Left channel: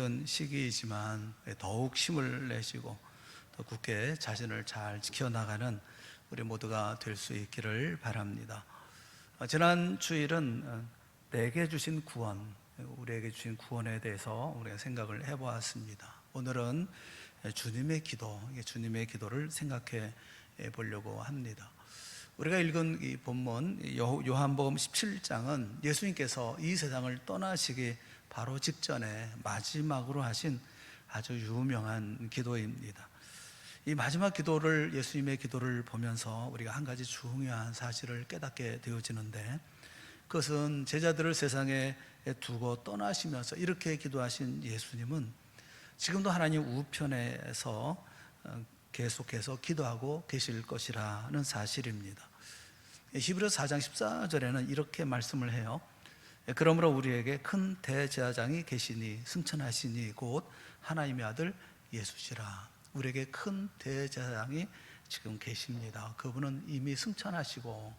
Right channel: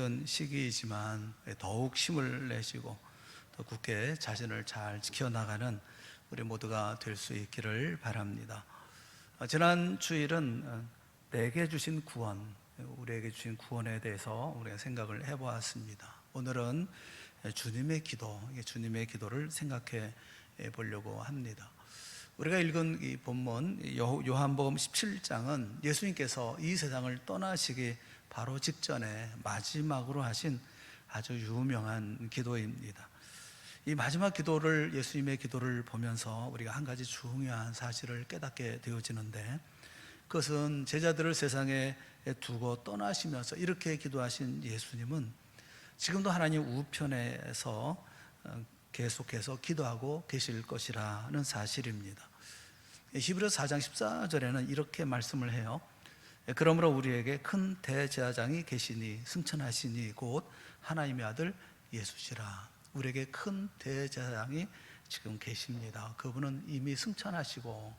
힘든 시기이지만 더욱 힘을 내시고 더 굳게 자신을 잘 지켜나가는 우리 모두가 될 수 있기를 바랍니다. 지난 주일은 내게 주신 구원, 우리에게 주신 구원에 대해서 우리가 생각을 해보았습니다. 오늘은 주님의 주님의 기도를 생각해 보려고 합니다. 우리가 읽은 이 본문 요한복음 17장은 예수님께서 이 세상을 떠나시기 바로 직전에 마지막으로 하신 아주 유명한 기도입니다. 이 마지막 기도를, 예수님의 기도를 보면서 우리가 한 가지 중요한 사실을 깨닫게 되어지는데, 그것은 제자들을 세상에 두고 떠나시면서 이렇게 기도하신 예수님은 지금도 하나님 우편에서 계속해서 기도하고 계실 것이라는 사실입니다. 히브리서 4장 14절에는 이렇게 말씀을 해요. 그러므로 우리에게 큰 대제사장이 계시니 승천하시니 곧 하나님의 아들 예수시라. 우리에게 큰 대제사장이 지금 계십니다. 그분은 이미 승천하시고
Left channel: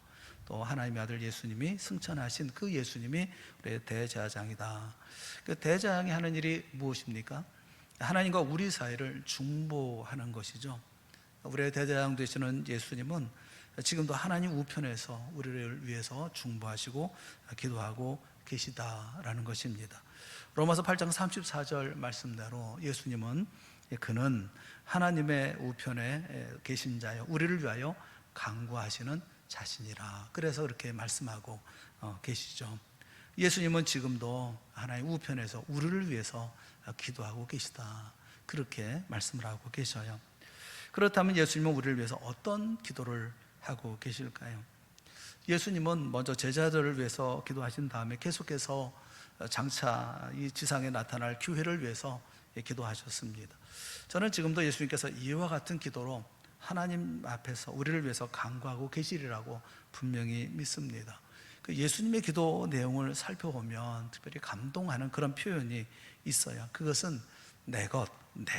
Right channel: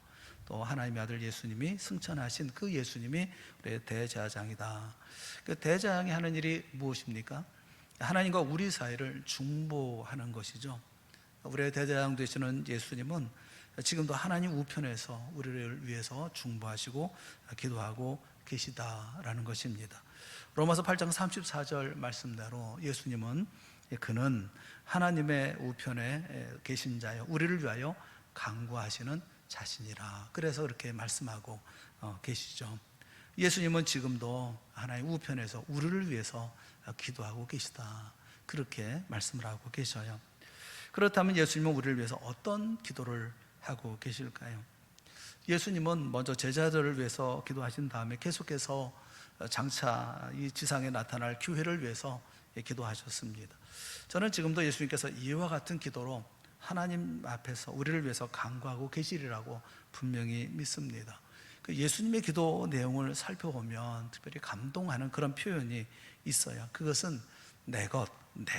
또 하나님의 아들 예수님이 승천하신 그 예수님이 우리의 대제사장이다. 그 대제사장이 하는 일이 무엇입니까? 하나님과 우리 사이를 중보하는 것이죠. 우리의 대제사장 되시는 예수님은 지금도 하나님 우편에서 우리를 위해서 중보하시고 기도하고 계시다라는 것입니다. 로마서 8장 34절 말씀대로 예수님은 그는 하나님의 우편에 계신 자여 우리를 위하여 간구하시는 자신이라. 그래서 그렇게 말씀하고 계시죠. 예수님은 지금도 하나님 우편에서 우리를 위해서 기도하고 계시다. 그렇게 말씀을 하고 계셔요. 그렇다면 예수님은 우리를 위해서 어떤 기도를 하고 계실까요? 예수님은 먼저 제자들을 위해서 기도하신 다음에 계속해서 장차 이 지상에 나타날 교회를 위해서 기도하셨습니다. 저는 지금도 예수님께서 이와 같은 기도로 하나님 앞에서 우리를 위해서 간구하고 계시리라고 분명히 믿습니다. 예수님의 기도 내용을 살펴보면 특별히 감동하는 그런 표현이 있어요. 그것은 내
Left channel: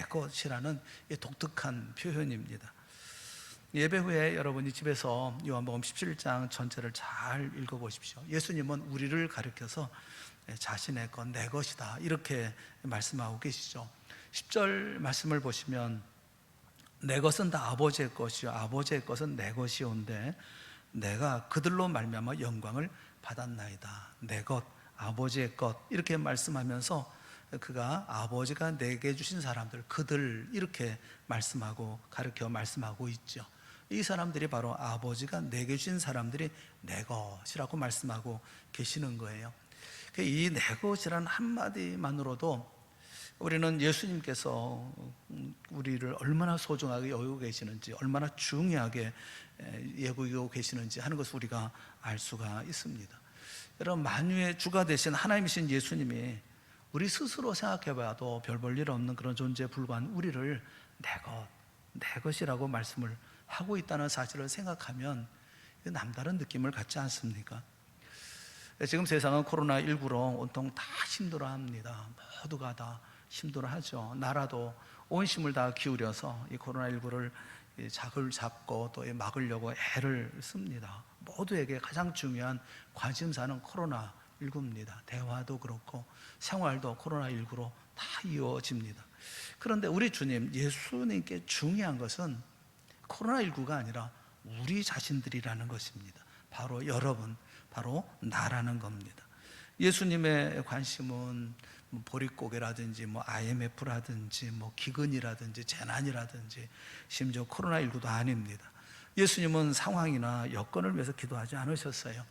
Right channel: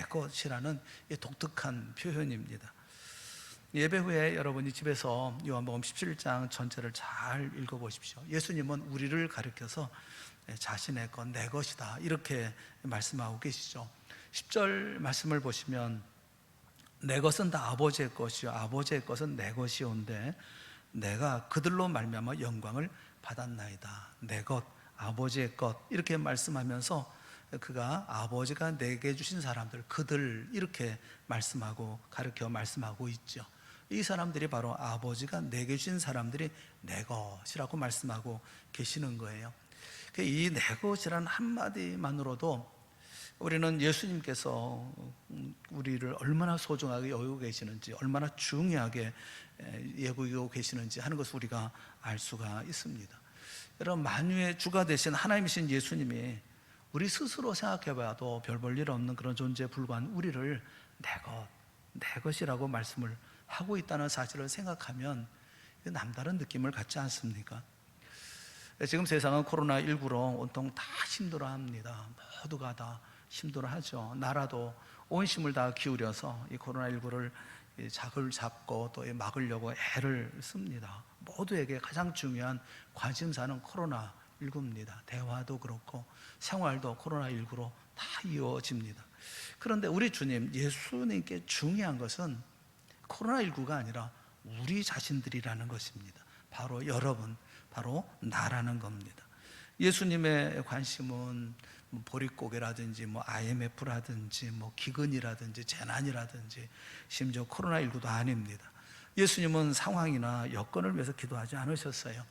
것이라는 독특한 표현입니다. 예배 후에 여러분이 집에서 요한복음 17장 전체를 잘 읽어보십시오. 예수님은 우리를 가리켜서 자신의 것, 내 것이다 이렇게 말씀하고 계시죠. 10절 말씀을 보시면 내 것은 다 아버지의 것이요 아버지의 것은 내 것이온데 내가 그들로 말미암아 영광을 받았나이다. 내 것, 아버지의 것 이렇게 말씀하면서 그가 아버지가 내게 주신 사람들, 그들 이렇게 말씀하고 가르쳐 말씀하고 있죠. 이 사람들이 바로 아버지가 내게 주신 사람들이 내 것이라고 말씀하고 계시는 거예요. 이 내 것이라는 한마디만으로도 우리는 예수님께서 우리를 얼마나 소중하게 여기고 계시는지, 얼마나 중요하게 여기고 계시는지 하는 것을 우리가 알 수가 있습니다. 여러분, 만유의 주가 되신 하나님이신 예수님이 우리 스스로 생각해봐도 별 볼 일 없는 그런 존재에 불과한 우리를 내 것이라고 말씀을 하고 있다는 사실을 생각하면 남다른 느낌을 갖지 않습니까? 지금 세상은 코로나19로 온통 다 힘들어합니다. 모두가 다 힘들어하죠. 나라도 온 힘을 다 기울여서 이 코로나19를 작을 잡고 또 막으려고 애를 씁니다. 모두에게 가장 중요한 관심사는 코로나19입니다. 대화도 그렇고 생활도 코로나19로 다 이루어집니다. 그런데 우리 주님 예수님께 중요한 것은 코로나19가 아니라 우리 자신들이라는 것입니다. 바로 여러분, 바로 나라는 겁니다. 예수님의 관심은 보릿고개라든지 IMF라든지 기근이라든지 재난이라든지 심지어 코로나19도 아닙니다. 예수님은 상황이나 여건을 위해서 기도하지 않으셨어요.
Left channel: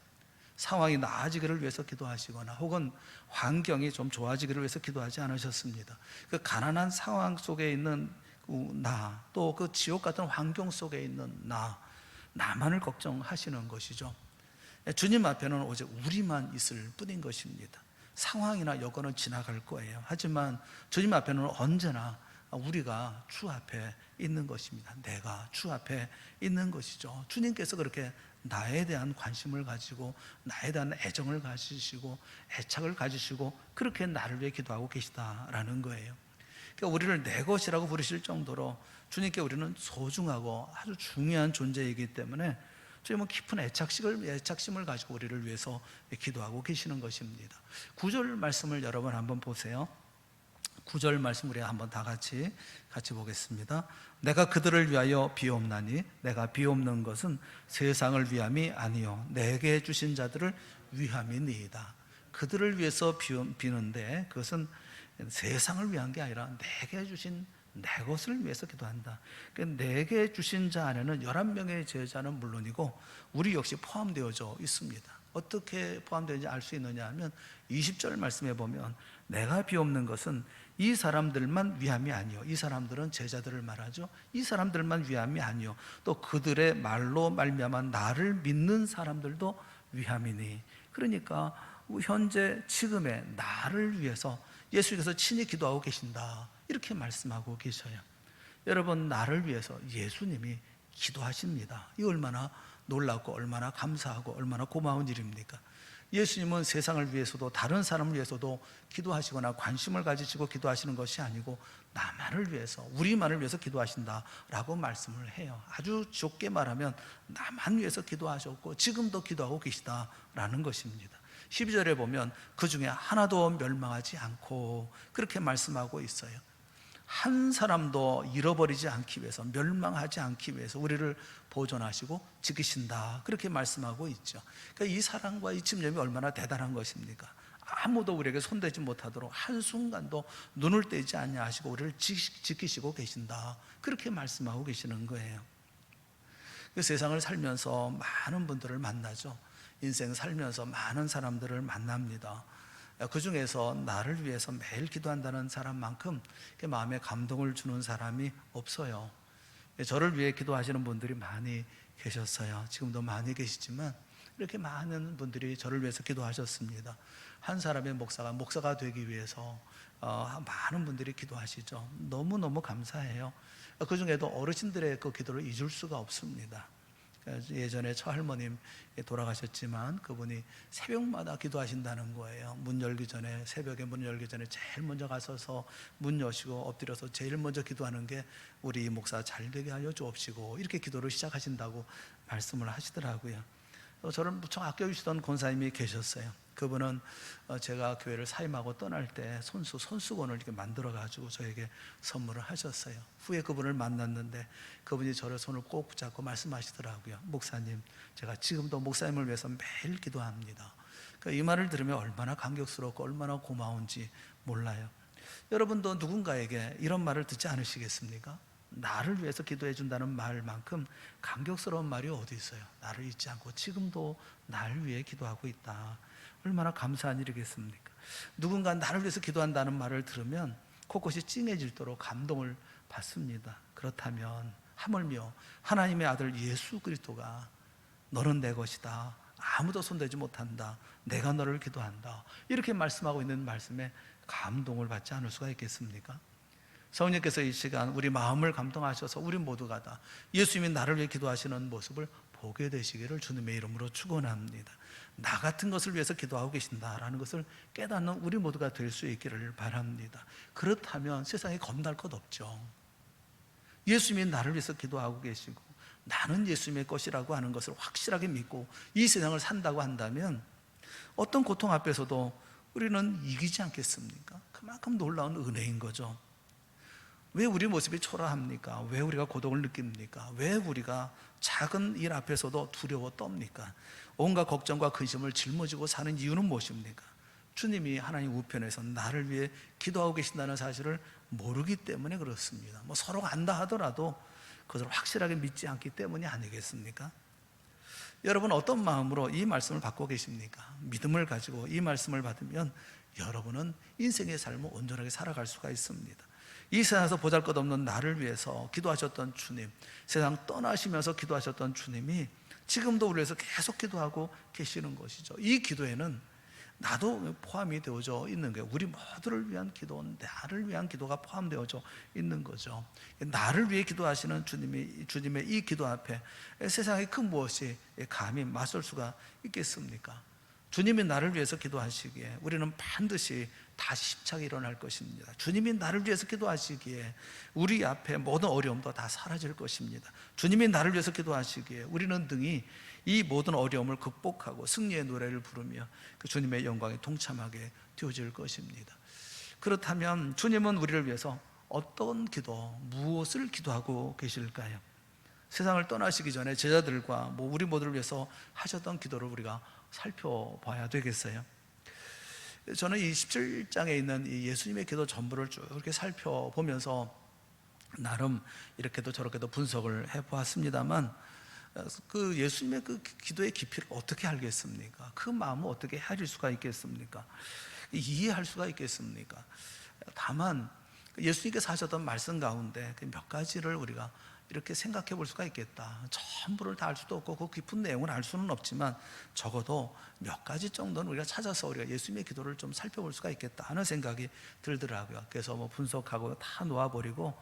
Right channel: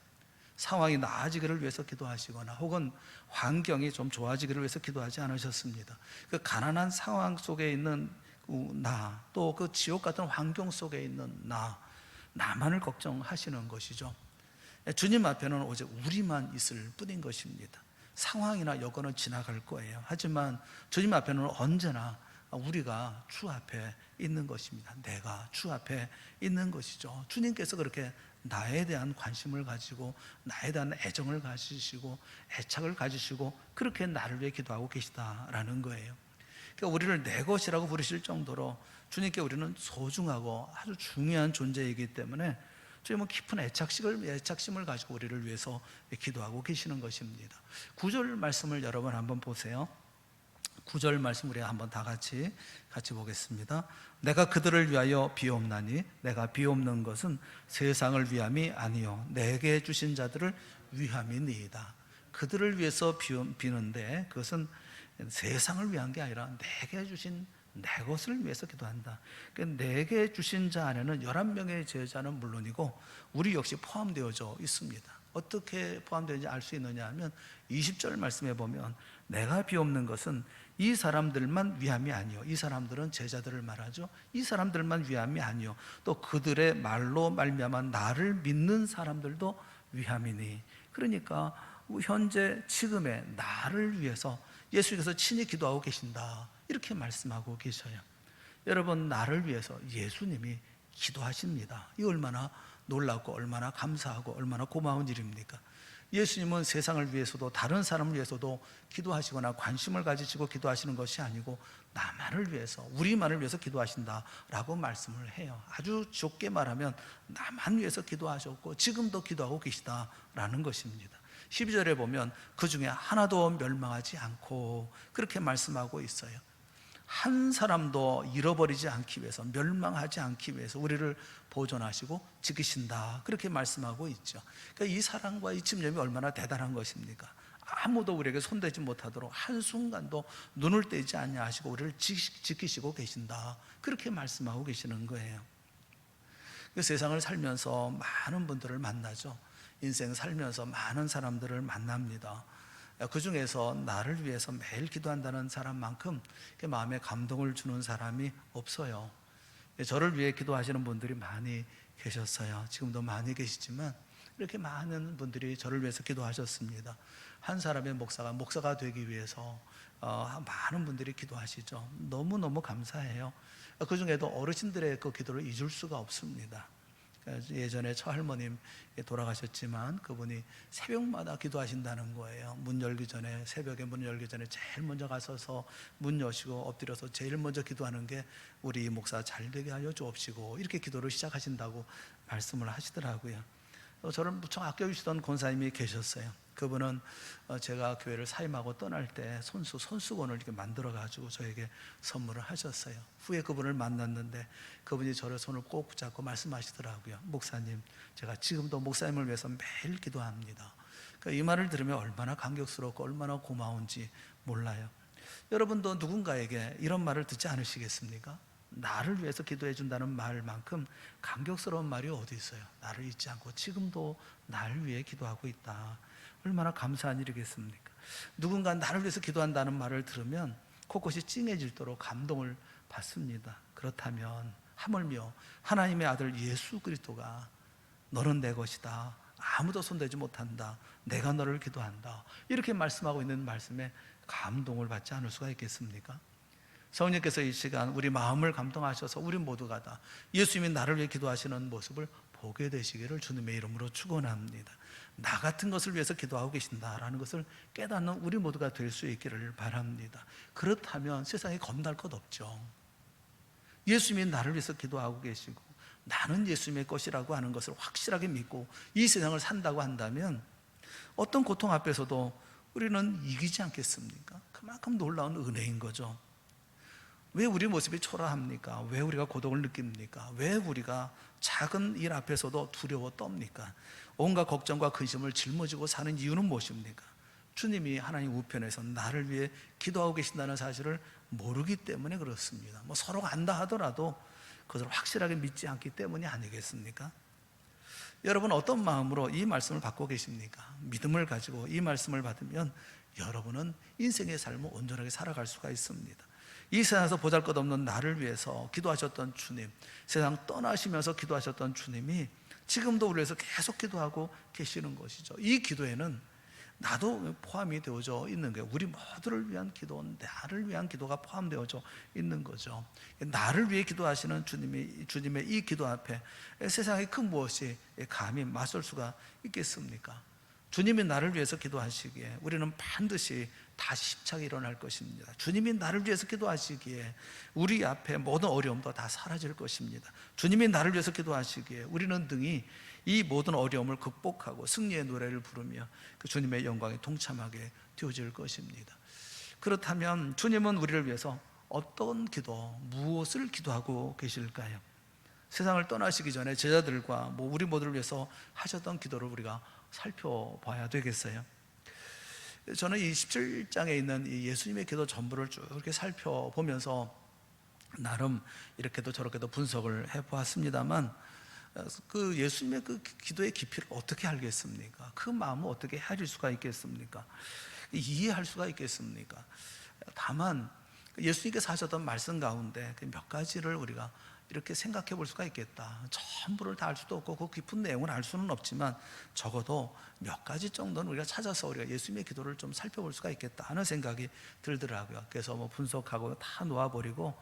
상황이 나아지기를 위해서 기도하시거나 혹은 환경이 좀 좋아지기를 위해서 기도하지 않으셨습니다. 그 가난한 상황 속에 있는 나, 또 그 지옥 같은 환경 속에 있는 나만을 걱정하시는 것이죠. 주님 앞에는 오직 우리만 있을 뿐인 것입니다. 상황이나 여건은 지나갈 거예요. 하지만 주님 앞에는 언제나 우리가 주 앞에 있는 것입니다. 내가 주 앞에 있는 것이죠. 주님께서 그렇게 나에 대한 관심을 가지고 나에 대한 애정을 가지시고 애착을 가지시고 그렇게 나를 위해 기도하고 계시다라는 거예요. 그러니까 우리를 내 것이라고 부르실 정도로 주님께 우리는 소중하고 아주 중요한 존재이기 때문에 주님은 깊은 애착심을 가지고 우리를 위해서 기도하고 계시는 것입니다. 9절 말씀을 여러분 한번 보세요. 9절 말씀 우리 한번 다 같이 보겠습니다. 내가 그들을 위하여 비옵나니 내가 비옵는 것은 세상을 위함이 아니요 내게 주신 자들을 위함이니이다. 그들을 위해서 비는데 그것은 세상을 위한 게 아니라 내게 주신 내 것을 위해서 기도한다. 내게 주신 자 안에는 11명의 제자는 물론이고 우리 역시 포함되어져 있습니다. 어떻게 포함되는지 알 수 있느냐 하면 20절 말씀에 보면 내가 비옵는 것은 이 사람들만 위함이 아니요. 이 사람들은 제자들을 말하죠. 이 사람들만 위함이 아니요. 또 그들의 말로 말미암아 나를 믿는 사람들도 위함이니. 그러니까 현재 지금의 나를 위해서 예수께서 친히 기도하고 계신다. 이렇게 말씀하고 계셔요. 여러분, 나를 위해서 예수님이 기도하십니다. 이 얼마나 놀랍고 얼마나 감사하고 얼마나 고마운 일입니까? 예수님은 세상을 위해서도 다른 사람을 위해서도 기도하시거나 관심을 가지시고 기도하시는 것이 아니고 나만을 위해서, 우리만을 위해서 기도하신다라고 말씀을 해요. 아주 좁게 말하면 나만 위해서 기도하셨고 지금도 기도하고 계시다라는 것입니다. 12절에 보면 그 중에 하나도 멸망하지 않고 그렇게 말씀하고 있어요. 한 사람도 잃어버리지 않기 위해서, 멸망하지 않기 위해서 우리를 보존하시고 지키신다. 그렇게 말씀하고 있죠. 그러니까 이 사랑과 이 집념이 얼마나 대단한 것입니까? 아무도 우리에게 손대지 못하도록 한순간도 눈을 떼지 않냐 하시고 우리를 지키시고 계신다. 그렇게 말씀하고 계시는 거예요. 그 세상을 살면서 많은 분들을 만나죠. 인생 살면서 많은 사람들을 만납니다. 그 중에서 나를 위해서 매일 기도한다는 사람만큼 마음에 감동을 주는 사람이 없어요. 저를 위해 기도하시는 분들이 많이 계셨어요. 지금도 많이 계시지만 이렇게 많은 분들이 저를 위해서 기도하셨습니다. 한 사람의 목사가 되기 위해서 많은 분들이 기도하시죠. 너무너무 감사해요. 그 중에도 어르신들의 그 기도를 잊을 수가 없습니다. 예전에 처할머님 돌아가셨지만 그분이 새벽마다 기도하신다는 거예요. 새벽에 문 열기 전에 제일 먼저 가서서 문 여시고 엎드려서 제일 먼저 기도하는 게 우리 목사 잘 되게 하여 주옵시고 이렇게 기도를 시작하신다고 말씀을 하시더라고요. 저를 무척 아껴주시던 권사님이 계셨어요. 그분은 제가 교회를 사임하고 떠날 때 손수건을 이렇게 만들어가지고 저에게 선물을 하셨어요. 후에 그분을 만났는데 그분이 저를 손을 꼭 붙잡고 말씀하시더라고요. 목사님, 제가 지금도 목사님을 위해서 매일 기도합니다. 그러니까 이 말을 들으면 얼마나 감격스럽고 얼마나 고마운지 몰라요. 여러분도 누군가에게 이런 말을 듣지 않으시겠습니까? 나를 위해서 기도해 준다는 말만큼 감격스러운 말이 어디 있어요? 나를 잊지 않고 지금도 나를 위해 기도하고 있다. 얼마나 감사한 일이겠습니까? 누군가 나를 위해서 기도한다는 말을 들으면 코끝이 찡해질도록 감동을 받습니다. 그렇다면 하물며 하나님의 아들 예수 그리스도가 너는 내 것이다. 아무도 손대지 못한다. 내가 너를 기도한다. 이렇게 말씀하고 있는 말씀에 감동을 받지 않을 수가 있겠습니까? 성령께서 이 시간 우리 마음을 감동하셔서 우리 모두가 다 예수님이 나를 위해 기도하시는 모습을 보게 되시기를 주님의 이름으로 축원합니다. 나 같은 것을 위해서 기도하고 계신다라는 것을 깨닫는 우리 모두가 될 수 있기를 바랍니다. 그렇다면 세상에 겁날 것 없죠. 예수님이 나를 위해서 기도하고 계시고 나는 예수님의 것이라고 하는 것을 확실하게 믿고 이 세상을 산다고 한다면 어떤 고통 앞에서도 우리는 이기지 않겠습니까? 그만큼 놀라운 은혜인 거죠. 왜 우리 모습이 초라합니까? 왜 우리가 고독을 느낍니까? 왜 우리가 작은 일 앞에서도 두려워 떱니까? 온갖 걱정과 근심을 짊어지고 사는 이유는 무엇입니까? 주님이 하나님 우편에서 나를 위해 기도하고 계신다는 사실을 모르기 때문에 그렇습니다. 서로가 안다 하더라도 그것을 확실하게 믿지 않기 때문이 아니겠습니까? 여러분 어떤 마음으로 이 말씀을 받고 계십니까? 믿음을 가지고 이 말씀을 받으면 여러분은 인생의 삶을 온전하게 살아갈 수가 있습니다. 이 세상에서 보잘것없는 나를 위해서 기도하셨던 주님, 세상 떠나시면서 기도하셨던 주님이 지금도 우리를 위해서 계속 기도하고 계시는 것이죠. 이 기도에는 나도 포함이 되어져 있는 거예요. 우리 모두를 위한 기도, 나를 위한 기도가 포함되어져 있는 거죠. 나를 위해 기도하시는 주님의 이 기도 앞에 세상의 큰 무엇이 감히 맞설 수가 있겠습니까? 주님이 나를 위해서 기도하시기에 우리는 반드시 다시 힘차게 일어날 것입니다. 주님이 나를 위해서 기도하시기에 우리 앞에 모든 어려움도 다 사라질 것입니다. 주님이 나를 위해서 기도하시기에 우리는 등이 이 모든 어려움을 극복하고 승리의 노래를 부르며 그 주님의 영광에 동참하게 되어질 것입니다. 그렇다면 주님은 우리를 위해서 어떤 기도, 무엇을 기도하고 계실까요? 세상을 떠나시기 전에 제자들과 우리 모두를 위해서 하셨던 기도를 우리가 살펴봐야 되겠어요. 저는 이 17장에 있는 이 예수님의 기도 전부를 쭉 이렇게 살펴보면서 나름 이렇게도 저렇게도 분석을 해보았습니다만, 그 예수님의 그 기도의 깊이를 어떻게 알겠습니까? 그 마음을 어떻게 헤아릴 수가 있겠습니까? 이해할 수가 있겠습니까? 다만 예수님께서 하셨던 말씀 가운데 몇 가지를 우리가 이렇게 생각해 볼 수가 있겠다. 전부를 다 알 수도 없고 그 깊은 내용을 알 수는 없지만 적어도 몇 가지 정도는 우리가 찾아서 우리가 예수님의 기도를 좀 살펴볼 수가 있겠다 하는 생각이 들더라고요. 그래서 분석하고 다 놓아버리고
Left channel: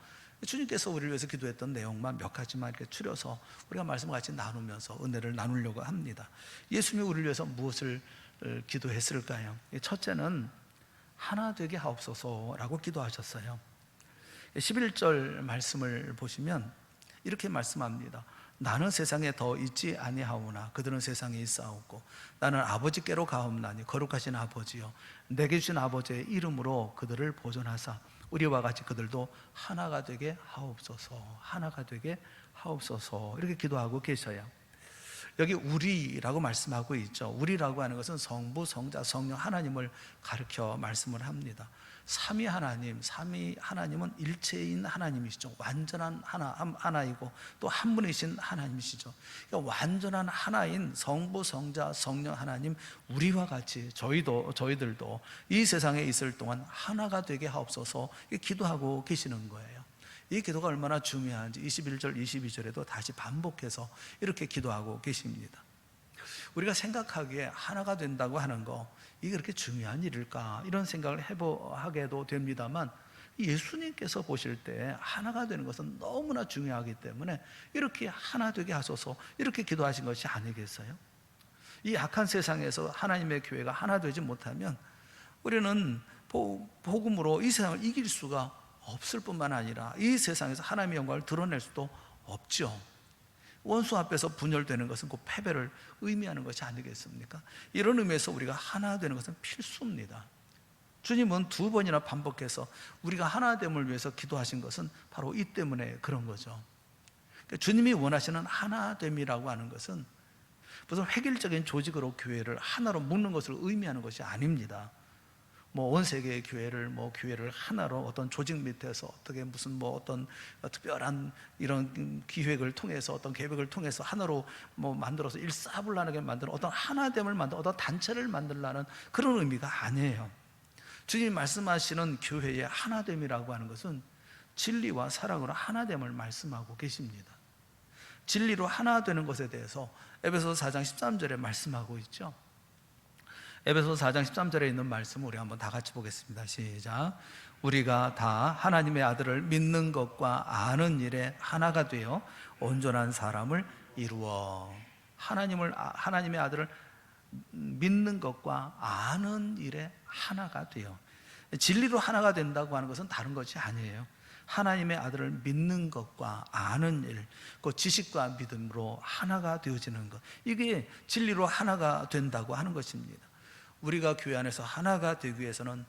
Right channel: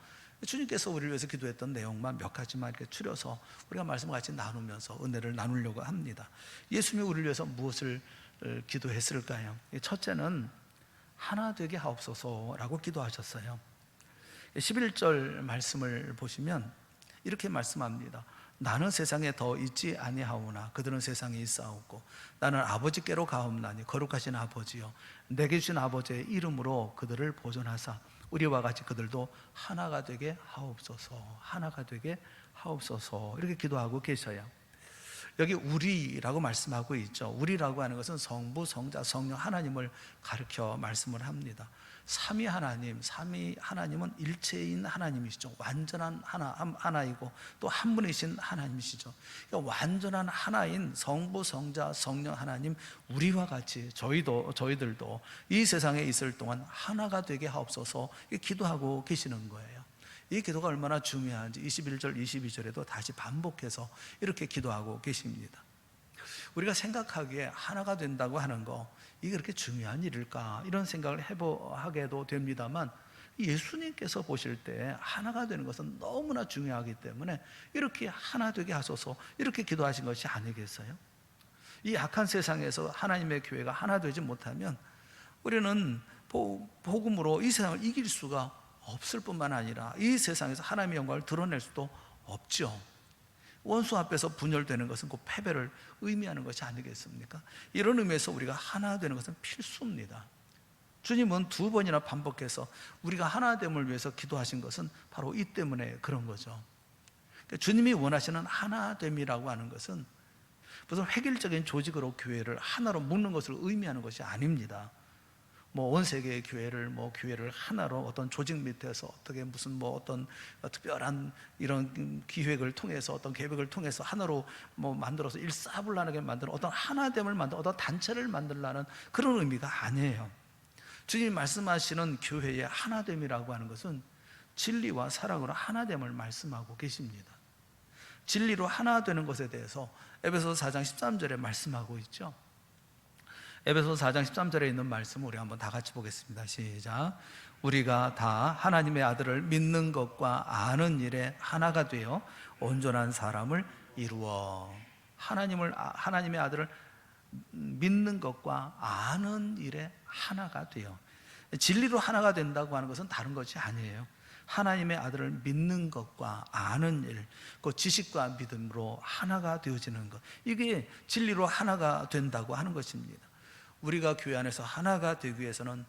주님께서 우리를 위해서 기도했던 내용만 몇 가지만 이렇게 추려서 우리가 말씀을 같이 나누면서 은혜를 나누려고 합니다. 예수님이 우리를 위해서 무엇을 기도했을까요? 첫째는 하나 되게 하옵소서라고 기도하셨어요. 11절 말씀을 보시면 이렇게 말씀합니다. 나는 세상에 더 있지 아니하오나 그들은 세상에 있사옵고 나는 아버지께로 가옵나니 거룩하신 아버지여 내게 주신 아버지의 이름으로 그들을 보존하사 우리와 같이 그들도 하나가 되게 하옵소서, 하나가 되게 하옵소서, 이렇게 기도하고 계셔요. 여기 우리라고 말씀하고 있죠. 우리라고 하는 것은 성부, 성자, 성령 하나님을 가르쳐 말씀을 합니다. 삼위 하나님은 일체인 하나님이시죠. 완전한 하나이고 또 한 분이신 하나님이시죠. 그러니까 완전한 하나인 성부, 성자, 성령 하나님, 우리와 같이 저희들도 이 세상에 있을 동안 하나가 되게 하옵소서 기도하고 계시는 거예요. 이 기도가 얼마나 중요한지 21절, 22절에도 다시 반복해서 이렇게 기도하고 계십니다. 우리가 생각하기에 하나가 된다고 하는 거, 이게 그렇게 중요한 일일까? 이런 생각을 하게도 됩니다만 예수님께서 보실 때 하나가 되는 것은 너무나 중요하기 때문에 이렇게 하나 되게 하소서 이렇게 기도하신 것이 아니겠어요? 이 악한 세상에서 하나님의 교회가 하나 되지 못하면 우리는 복음으로 이 세상을 이길 수가 없을 뿐만 아니라 이 세상에서 하나님의 영광을 드러낼 수도 없죠. 원수 앞에서 분열되는 것은 곧 패배를 의미하는 것이 아니겠습니까? 이런 의미에서 우리가 하나 되는 것은 필수입니다. 주님은 2번이나 반복해서 우리가 하나됨을 위해서 기도하신 것은 바로 이 때문에 그런 거죠. 그러니까 주님이 원하시는 하나됨이라고 하는 것은 무슨 획일적인 조직으로 교회를 하나로 묶는 것을 의미하는 것이 아닙니다. 온 세계의 교회를 하나로 어떤 조직 밑에서 어떻게 무슨 어떤 특별한 이런 기획을 통해서 어떤 계획을 통해서 하나로 만들어서 일사불란하게 만드는 어떤 하나됨을 만드는 어떤 단체를 만들라는 그런 의미가 아니에요. 주님이 말씀하시는 교회의 하나됨이라고 하는 것은 진리와 사랑으로 하나됨을 말씀하고 계십니다. 진리로 하나 되는 것에 대해서 에베소서 4장 13절에 말씀하고 있죠. 에베소서 4장 13절에 있는 말씀을 우리 한번 다 같이 보겠습니다. 시작. 우리가 다 하나님의 아들을 믿는 것과 아는 일에 하나가 되어 온전한 사람을 이루어. 하나님의 아들을 믿는 것과 아는 일에 하나가 되어. 진리로 하나가 된다고 하는 것은 다른 것이 아니에요. 하나님의 아들을 믿는 것과 아는 일, 그 지식과 믿음으로 하나가 되어지는 것, 이게 진리로 하나가 된다고 하는 것입니다. 우리가 교회 안에서 하나가 되기 위해서는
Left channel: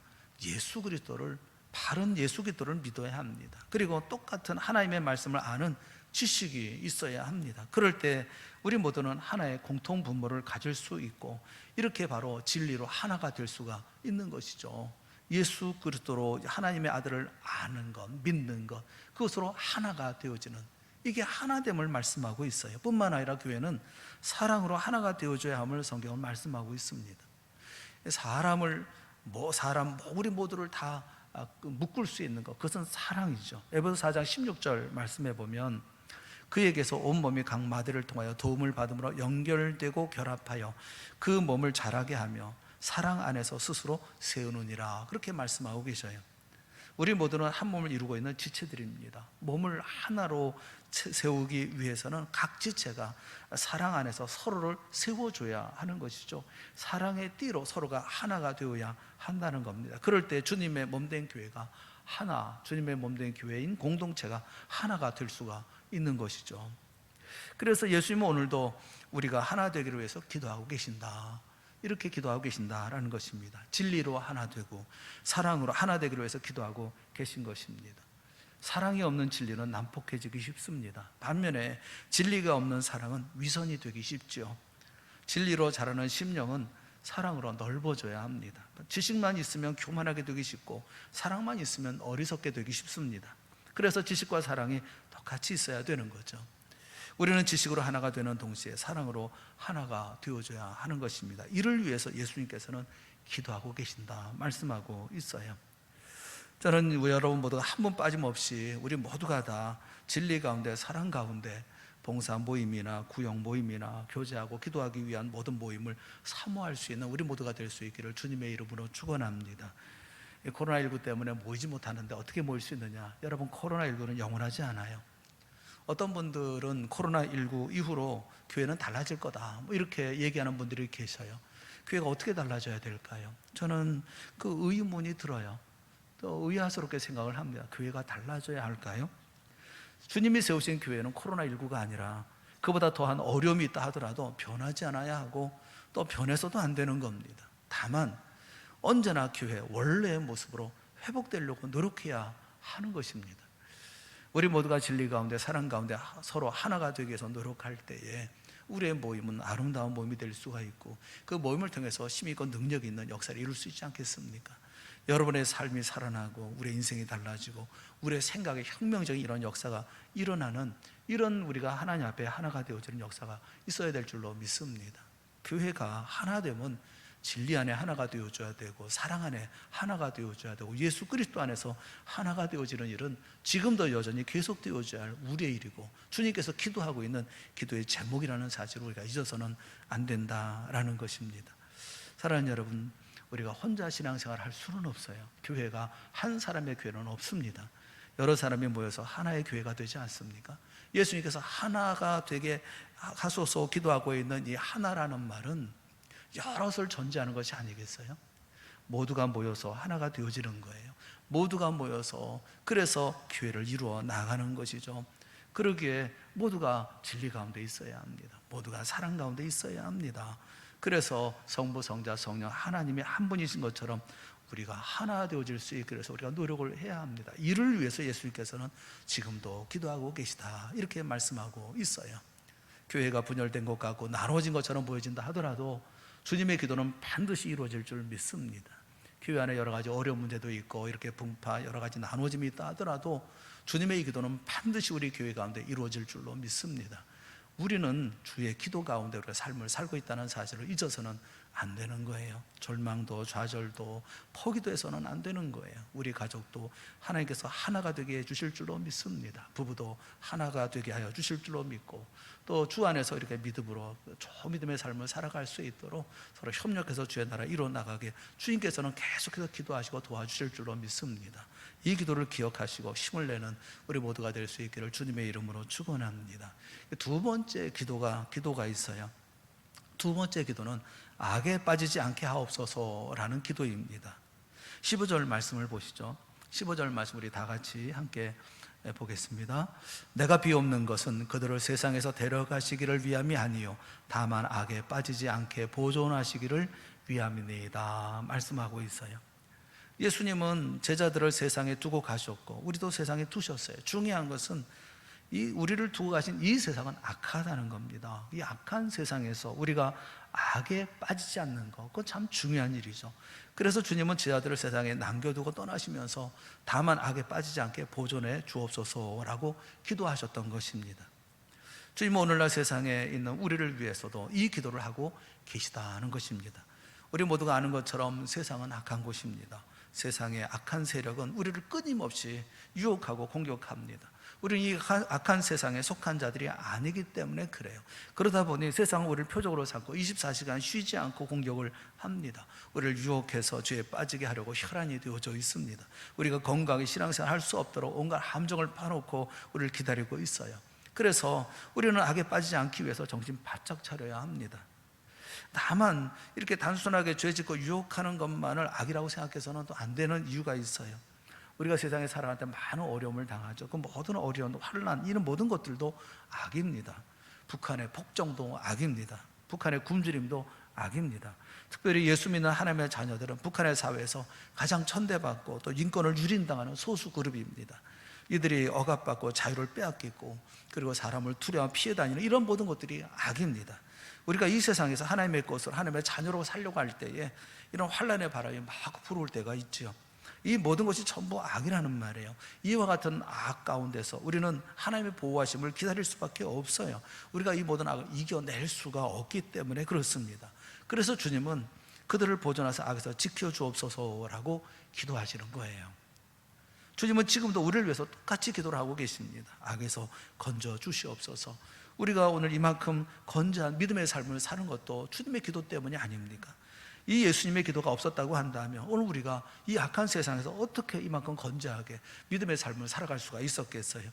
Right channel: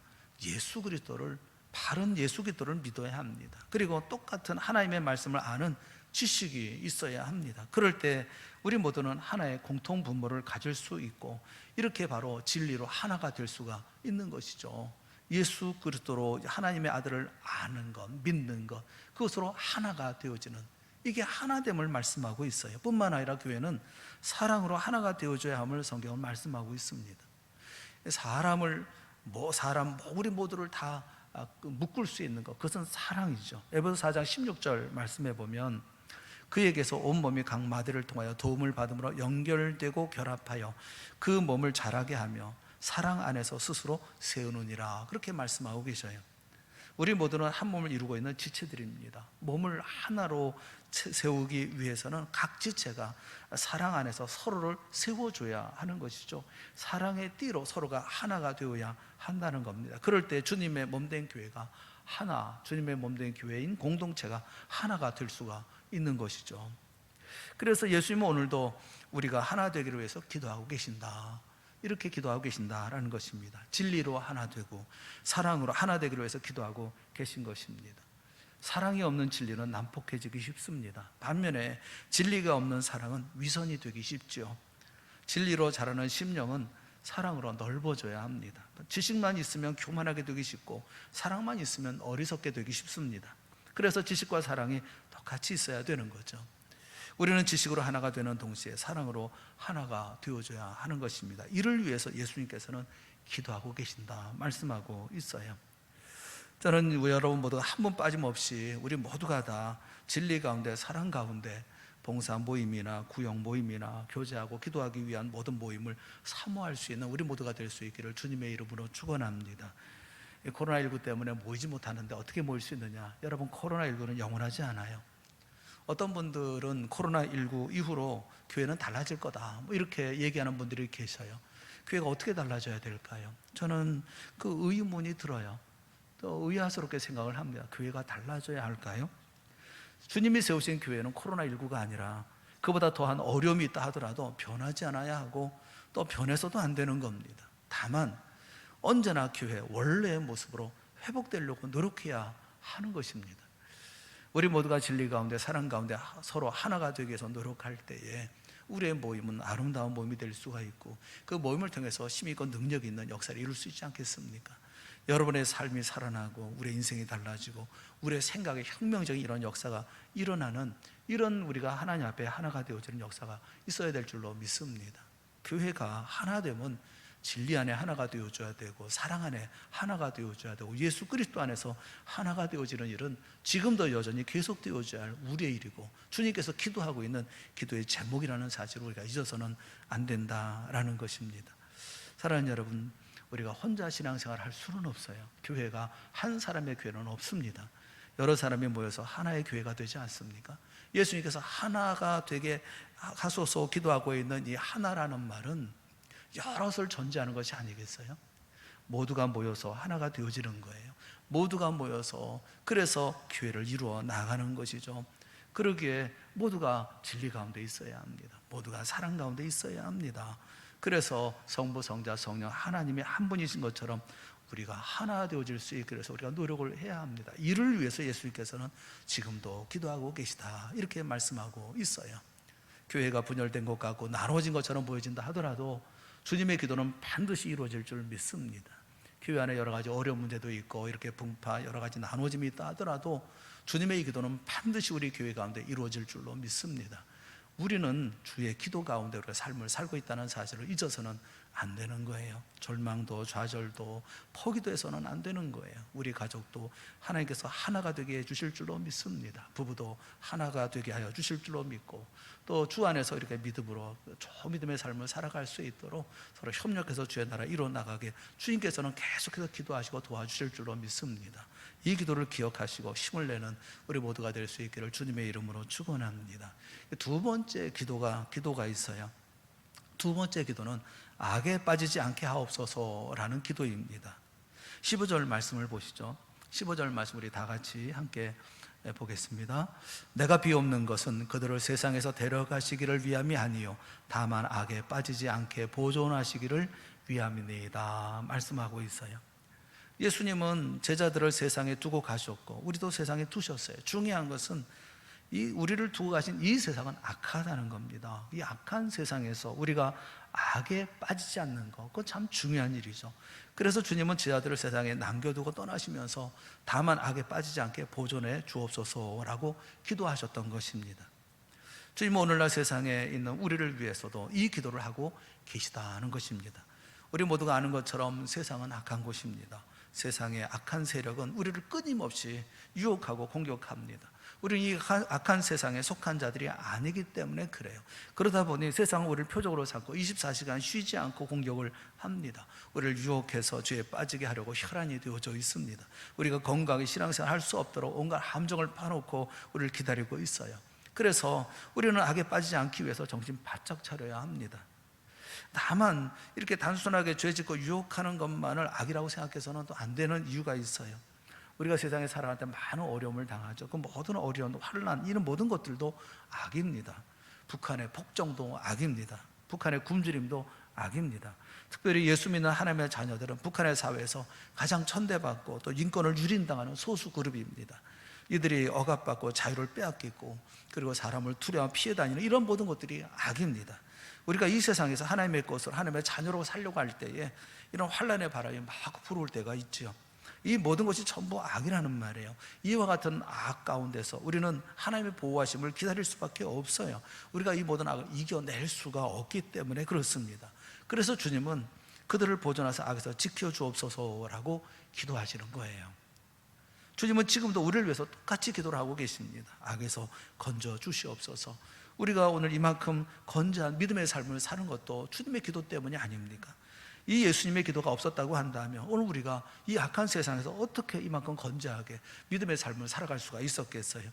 바른 예수 그리스도를 믿어야 합니다. 그리고 똑같은 하나님의 말씀을 아는 지식이 있어야 합니다. 그럴 때 우리 모두는 하나의 공통 분모를 가질 수 있고 이렇게 바로 진리로 하나가 될 수가 있는 것이죠. 예수 그리스도로 하나님의 아들을 아는 것, 믿는 것, 그것으로 하나가 되어지는, 이게 하나됨을 말씀하고 있어요. 뿐만 아니라 교회는 사랑으로 하나가 되어줘야 함을 성경은 말씀하고 있습니다. 우리 모두를 다 묶을 수 있는 것, 그것은 사랑이죠. 에베소서 4장 16절 말씀해 보면 그에게서 온 몸이 각 마디를 통하여 도움을 받음으로 연결되고 결합하여 그 몸을 자라게 하며 사랑 안에서 스스로 세우느니라, 그렇게 말씀하고 계셔요. 우리 모두는 한 몸을 이루고 있는 지체들입니다. 몸을 하나로 세우기 위해서는 각 지체가 사랑 안에서 서로를 세워줘야 하는 것이죠. 사랑의 띠로 서로가 하나가 되어야 한다는 겁니다. 그럴 때 주님의 몸된 교회가 주님의 몸된 교회인 공동체가 하나가 될 수가 있는 것이죠. 그래서 예수님은 오늘도 우리가 하나 되기를 위해서 기도하고 계신다. 이렇게 기도하고 계신다라는 것입니다. 진리로 하나 되고 사랑으로 하나 되기로 해서 기도하고 계신 것입니다. 사랑이 없는 진리는 난폭해지기 쉽습니다. 반면에 진리가 없는 사랑은 위선이 되기 쉽죠. 진리로 자라는 심령은 사랑으로 넓어져야 합니다. 지식만 있으면 교만하게 되기 쉽고 사랑만 있으면 어리석게 되기 쉽습니다. 그래서 지식과 사랑이 같이 있어야 되는 거죠. 우리는 지식으로 하나가 되는 동시에 사랑으로 하나가 되어줘야 하는 것입니다. 이를 위해서 예수님께서는 기도하고 계신다 말씀하고 있어요. 저는 여러분 모두 한 분 빠짐없이 우리 모두가 다 진리 가운데 사랑 가운데 봉사 모임이나 구역 모임이나 교제하고 기도하기 위한 모든 모임을 사모할 수 있는 우리 모두가 될 수 있기를 주님의 이름으로 축원합니다. 코로나19 때문에 모이지 못하는데 어떻게 모일 수 있느냐? 여러분, 코로나19는 영원하지 않아요. 어떤 분들은 코로나19 이후로 교회는 달라질 거다 이렇게 얘기하는 분들이 계셔요. 교회가 어떻게 달라져야 될까요? 저는 그 의문이 들어요. 또 의아스럽게 생각을 합니다. 교회가 달라져야 할까요? 주님이 세우신 교회는 코로나19가 아니라 그보다 더한 어려움이 있다 하더라도 변하지 않아야 하고 또 변해서도 안 되는 겁니다. 다만 언제나 교회 원래의 모습으로 회복되려고 노력해야 하는 것입니다. 우리 모두가 진리 가운데 사랑 가운데 서로 하나가 되기 위해서 노력할 때에 우리의 모임은 아름다운 모임이 될 수가 있고 그 모임을 통해서 힘이 있고 능력이 있는 역사를 이룰 수 있지 않겠습니까? 여러분의 삶이 살아나고 우리의 인생이 달라지고 우리의 생각에 혁명적인 이런 역사가 일어나는 이런 우리가 하나님 앞에 하나가 되어지는 역사가 있어야 될 줄로 믿습니다. 교회가 하나 되면 진리 안에 하나가 되어줘야 되고 사랑 안에 하나가 되어줘야 되고 예수 그리스도 안에서 하나가 되어지는 일은 지금도 여전히 계속 되어져야 할 우리의 일이고 주님께서 기도하고 있는 기도의 제목이라는 사실을 우리가 잊어서는 안 된다라는 것입니다. 사랑하는 여러분, 우리가 혼자 신앙생활을 할 수는 없어요. 교회가 한 사람의 교회는 없습니다. 여러 사람이 모여서 하나의 교회가 되지 않습니까? 예수님께서 하나가 되게 하소서 기도하고 있는 이 하나라는 말은 여럿을 전제하는 것이 아니겠어요? 모두가 모여서 하나가 되어지는 거예요. 모두가 모여서 그래서 교회를 이루어 나가는 것이죠. 그러기에 모두가 진리 가운데 있어야 합니다. 모두가 사랑 가운데 있어야 합니다. 그래서 성부, 성자, 성령 하나님이 한 분이신 것처럼 우리가 하나 되어질 수 있게 해서 우리가 노력을 해야 합니다. 이를 위해서 예수님께서는 지금도 기도하고 계시다 이렇게 말씀하고 있어요. 교회가 분열된 것 같고 나눠진 것처럼 보여진다 하더라도 주님의 기도는 반드시 이루어질 줄 믿습니다. 교회 안에 여러 가지 어려운 문제도 있고 이렇게 분파 여러 가지 나눠짐이 있다 하더라도 주님의 기도는 반드시 우리 교회 가운데 이루어질 줄로 믿습니다. 우리는 주의 기도 가운데 우리가 삶을 살고 있다는 사실을 잊어서는 안 되는 거예요. 절망도 좌절도 포기도 해서는 안 되는 거예요. 우리 가족도 하나님께서 하나가 되게 해주실 줄로 믿습니다. 부부도 하나가 되게 하여 주실 줄로 믿고 또 주 안에서 이렇게 믿음으로 좋은 믿음의 삶을 살아갈 수 있도록 서로 협력해서 주의 나라 이루어 나가게 주님께서는 계속해서 기도하시고 도와주실 줄로 믿습니다. 이 기도를 기억하시고 힘을 내는 우리 모두가 될 수 있기를 주님의 이름으로 축원합니다. 두 번째 기도가 있어요. 두 번째 기도는 악에 빠지지 않게 하옵소서라는 기도입니다. 15절 말씀을 보시죠. 15절 말씀 우리 다 같이 함께 보겠습니다. 내가 비옵는 것은 그들을 세상에서 데려가시기를 위함이 아니요 다만 악에 빠지지 않게 보존하시기를 위함이니이다 말씀하고 있어요. 예수님은 제자들을 세상에 두고 가셨고 우리도 세상에 두셨어요. 중요한 것은 우리를 두고 가신 이 세상은 악하다는 겁니다. 이 악한 세상에서 우리가 악에 빠지지 않는 것, 그건 참 중요한 일이죠. 그래서 주님은 제자들을 세상에 남겨두고 떠나시면서 다만 악에 빠지지 않게 보존해 주옵소서라고 기도하셨던 것입니다. 주님은 오늘날 세상에 있는 우리를 위해서도 이 기도를 하고 계시다는 것입니다. 우리 모두가 아는 것처럼 세상은 악한 곳입니다. 세상의 악한 세력은 우리를 끊임없이 유혹하고 공격합니다. 우리는 이 악한 세상에 속한 자들이 아니기 때문에 그래요. 그러다 보니 세상은 우리를 표적으로 삼고 24시간 쉬지 않고 공격을 합니다. 우리를 유혹해서 죄에 빠지게 하려고 혈안이 되어져 있습니다. 우리가 건강하게 신앙생활 할 수 없도록 온갖 함정을 파놓고 우리를 기다리고 있어요. 그래서 우리는 악에 빠지지 않기 위해서 정신 바짝 차려야 합니다. 다만 이렇게 단순하게 죄짓고 유혹하는 것만을 악이라고 생각해서는 또 안 되는 이유가 있어요. 우리가 세상에 살아갈 때 많은 어려움을 당하죠. 그 모든 어려움, 환난 이런 모든 것들도 악입니다. 북한의 폭정도 악입니다. 북한의 굶주림도 악입니다. 특별히 예수 믿는 하나님의 자녀들은 북한의 사회에서 가장 천대받고 또 인권을 유린당하는 소수 그룹입니다. 이들이 억압받고 자유를 빼앗기고 그리고 사람을 투려하며 피해 다니는 이런 모든 것들이 악입니다. 우리가 이 세상에서 하나님의 것을 하나님의 자녀로 살려고 할 때에 이런 환난의 바람이 막 불어올 때가 있죠. 이 모든 것이 전부 악이라는 말이에요. 이와 같은 악 가운데서 우리는 하나님의 보호하심을 기다릴 수밖에 없어요. 우리가 이 모든 악을 이겨낼 수가 없기 때문에 그렇습니다. 그래서 주님은 그들을 보존하사 악에서 지켜주옵소서라고 기도하시는 거예요. 주님은 지금도 우리를 위해서 똑같이 기도를 하고 계십니다. 악에서 건져 주시옵소서. 우리가 오늘 이만큼 건재한 믿음의 삶을 사는 것도 주님의 기도 때문이 아닙니까? 이 예수님의 기도가 없었다고 한다면 오늘 우리가 이 악한 세상에서 어떻게 이만큼 건재하게 믿음의 삶을 살아갈 수가 있었겠어요?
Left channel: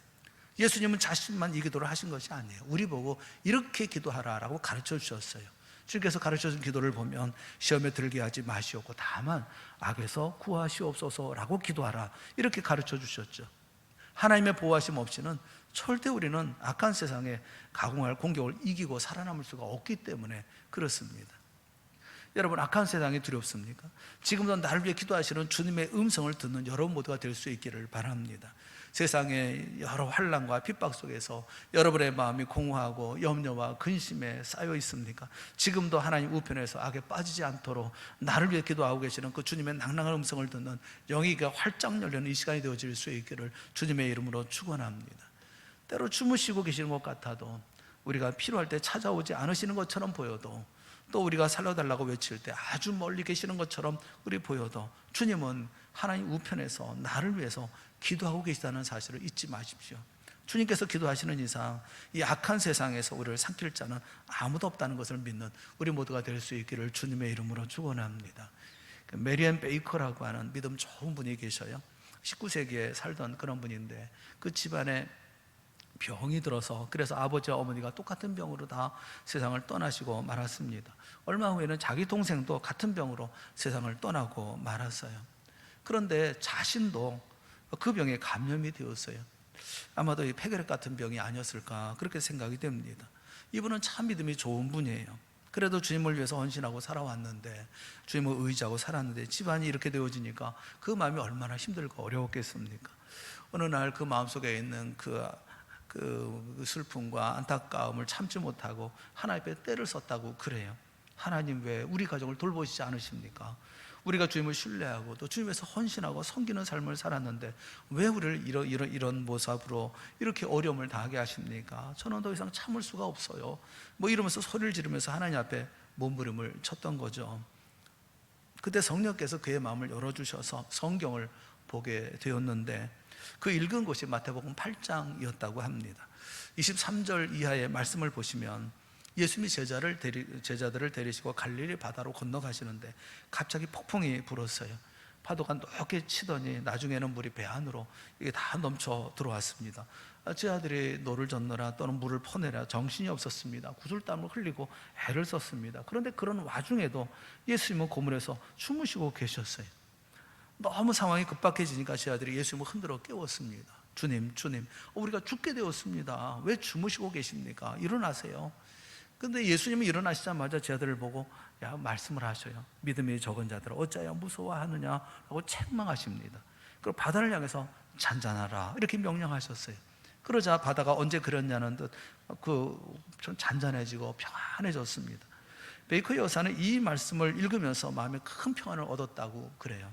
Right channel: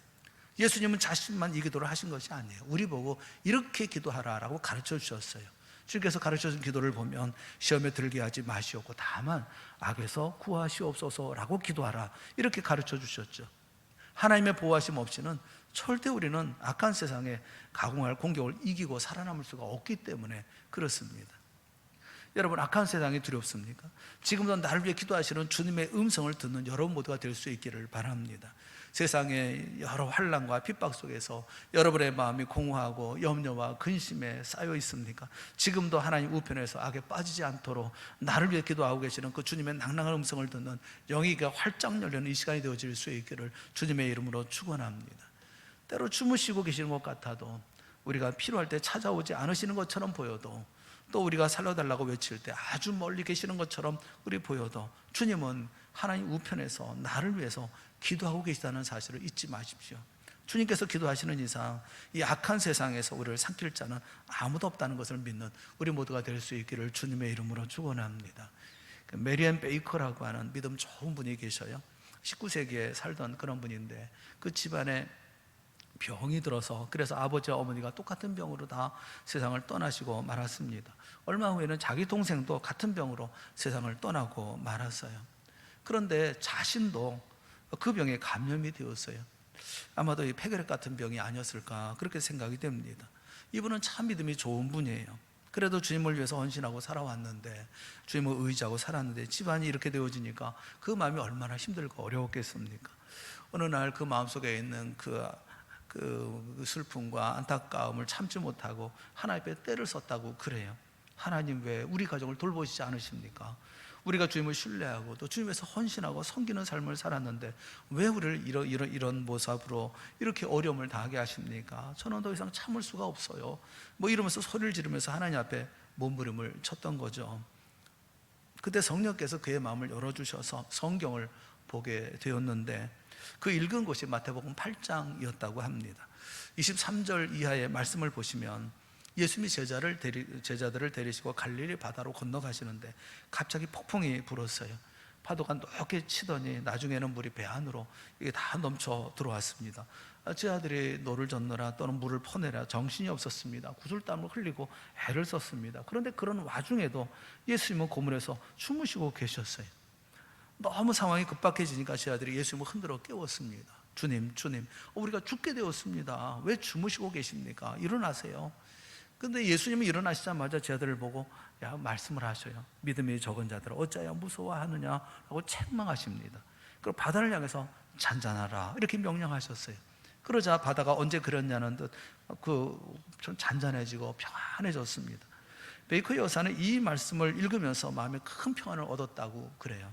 예수님은 자신만 이 기도를 하신 것이 아니에요. 우리 보고 이렇게 기도하라라고 가르쳐 주셨어요. 주님께서 가르쳐 준 기도를 보면 시험에 들게 하지 마시옵고 다만 악에서 구하시옵소서라고 기도하라 이렇게 가르쳐 주셨죠. 하나님의 보호하심 없이는 절대 우리는 악한 세상에 가공할 공격을 이기고 살아남을 수가 없기 때문에 그렇습니다. 여러분, 악한 세상이 두렵습니까? 지금도 나를 위해 기도하시는 주님의 음성을 듣는 여러분 모두가 될 수 있기를 바랍니다. 세상의 여러 환난과 핍박 속에서 여러분의 마음이 공허하고 염려와 근심에 쌓여 있습니까? 지금도 하나님 우편에서 악에 빠지지 않도록 나를 위해 기도하고 계시는 그 주님의 낭랑한 음성을 듣는 영이가 활짝 열리는 이 시간이 되어질 수 있기를 주님의 이름으로 축원합니다. 때로 주무시고 계시는 것 같아도 우리가 필요할 때 찾아오지 않으시는 것처럼 보여도 또 우리가 살려달라고 외칠 때 아주 멀리 계시는 것처럼 우리 보여도 주님은 하나님 우편에서 나를 위해서 기도하고 계시다는 사실을 잊지 마십시오. 주님께서 기도하시는 이상 이 악한 세상에서 우리를 삼킬 자는 아무도 없다는 것을 믿는 우리 모두가 될 수 있기를 주님의 이름으로 축원합니다. 메리앤 베이커라고 하는 믿음 좋은 분이 계셔요. 19세기에 살던 그런 분인데 그 집안에 병이 들어서 그래서 아버지와 어머니가 똑같은 병으로 다 세상을 떠나시고 말았습니다. 얼마 후에는 자기 동생도 같은 병으로 세상을 떠나고 말았어요. 그런데 자신도 그 병에 감염이 되었어요. 아마도 이 폐결핵 같은 병이 아니었을까 그렇게 생각이 됩니다. 이분은 참 믿음이 좋은 분이에요. 그래도 주님을 위해서 헌신하고 살아왔는데 주님을 의지하고 살았는데 집안이 이렇게 되어지니까 그 마음이 얼마나 힘들고 어려웠겠습니까? 어느 날 그 마음속에 있는 그 슬픔과 안타까움을 참지 못하고 하나님 앞에 때를 썼다고 그래요. 하나님 왜 우리 가정을 돌보시지 않으십니까? 우리가 주님을 신뢰하고 또 주님에서 헌신하고 섬기는 삶을 살았는데 왜 우리를 이런 모습으로 이렇게 어려움을 당하게 하십니까? 저는 더 이상 참을 수가 없어요. 뭐 이러면서 소리를 지르면서 하나님 앞에 몸부림을 쳤던 거죠. 그때 성령께서 그의 마음을 열어주셔서 성경을 보게 되었는데 그 읽은 곳이 마태복음 8장이었다고 합니다. 23절 이하의 말씀을 보시면 예수님이 제자들을 데리시고 갈릴리 바다로 건너가시는데 갑자기 폭풍이 불었어요. 파도가 높게 치더니 나중에는 물이 배 안으로 이게 다 넘쳐 들어왔습니다. 제 아들이 노를 젓느라 또는 물을 퍼내라 정신이 없었습니다. 구슬땀을 흘리고 애를 썼습니다. 그런데 그런 와중에도 예수님은 고문에서 주무시고 계셨어요. 너무 상황이 급박해지니까 제 아들이 예수님을 흔들어 깨웠습니다. 주님, 우리가 죽게 되었습니다. 왜 주무시고 계십니까? 일어나세요. 그런데 예수님이 일어나시자마자 제 아들을 보고 말씀을 하셔요. 믿음이 적은 자들아 어찌하여 무서워하느냐고 책망하십니다. 그리고 바다를 향해서 잔잔하라 이렇게 명령하셨어요. 그러자 바다가 언제 그랬냐는 듯 좀 잔잔해지고 평안해졌습니다. 베이커 여사는 이 말씀을 읽으면서 마음에 큰 평안을 얻었다고 그래요.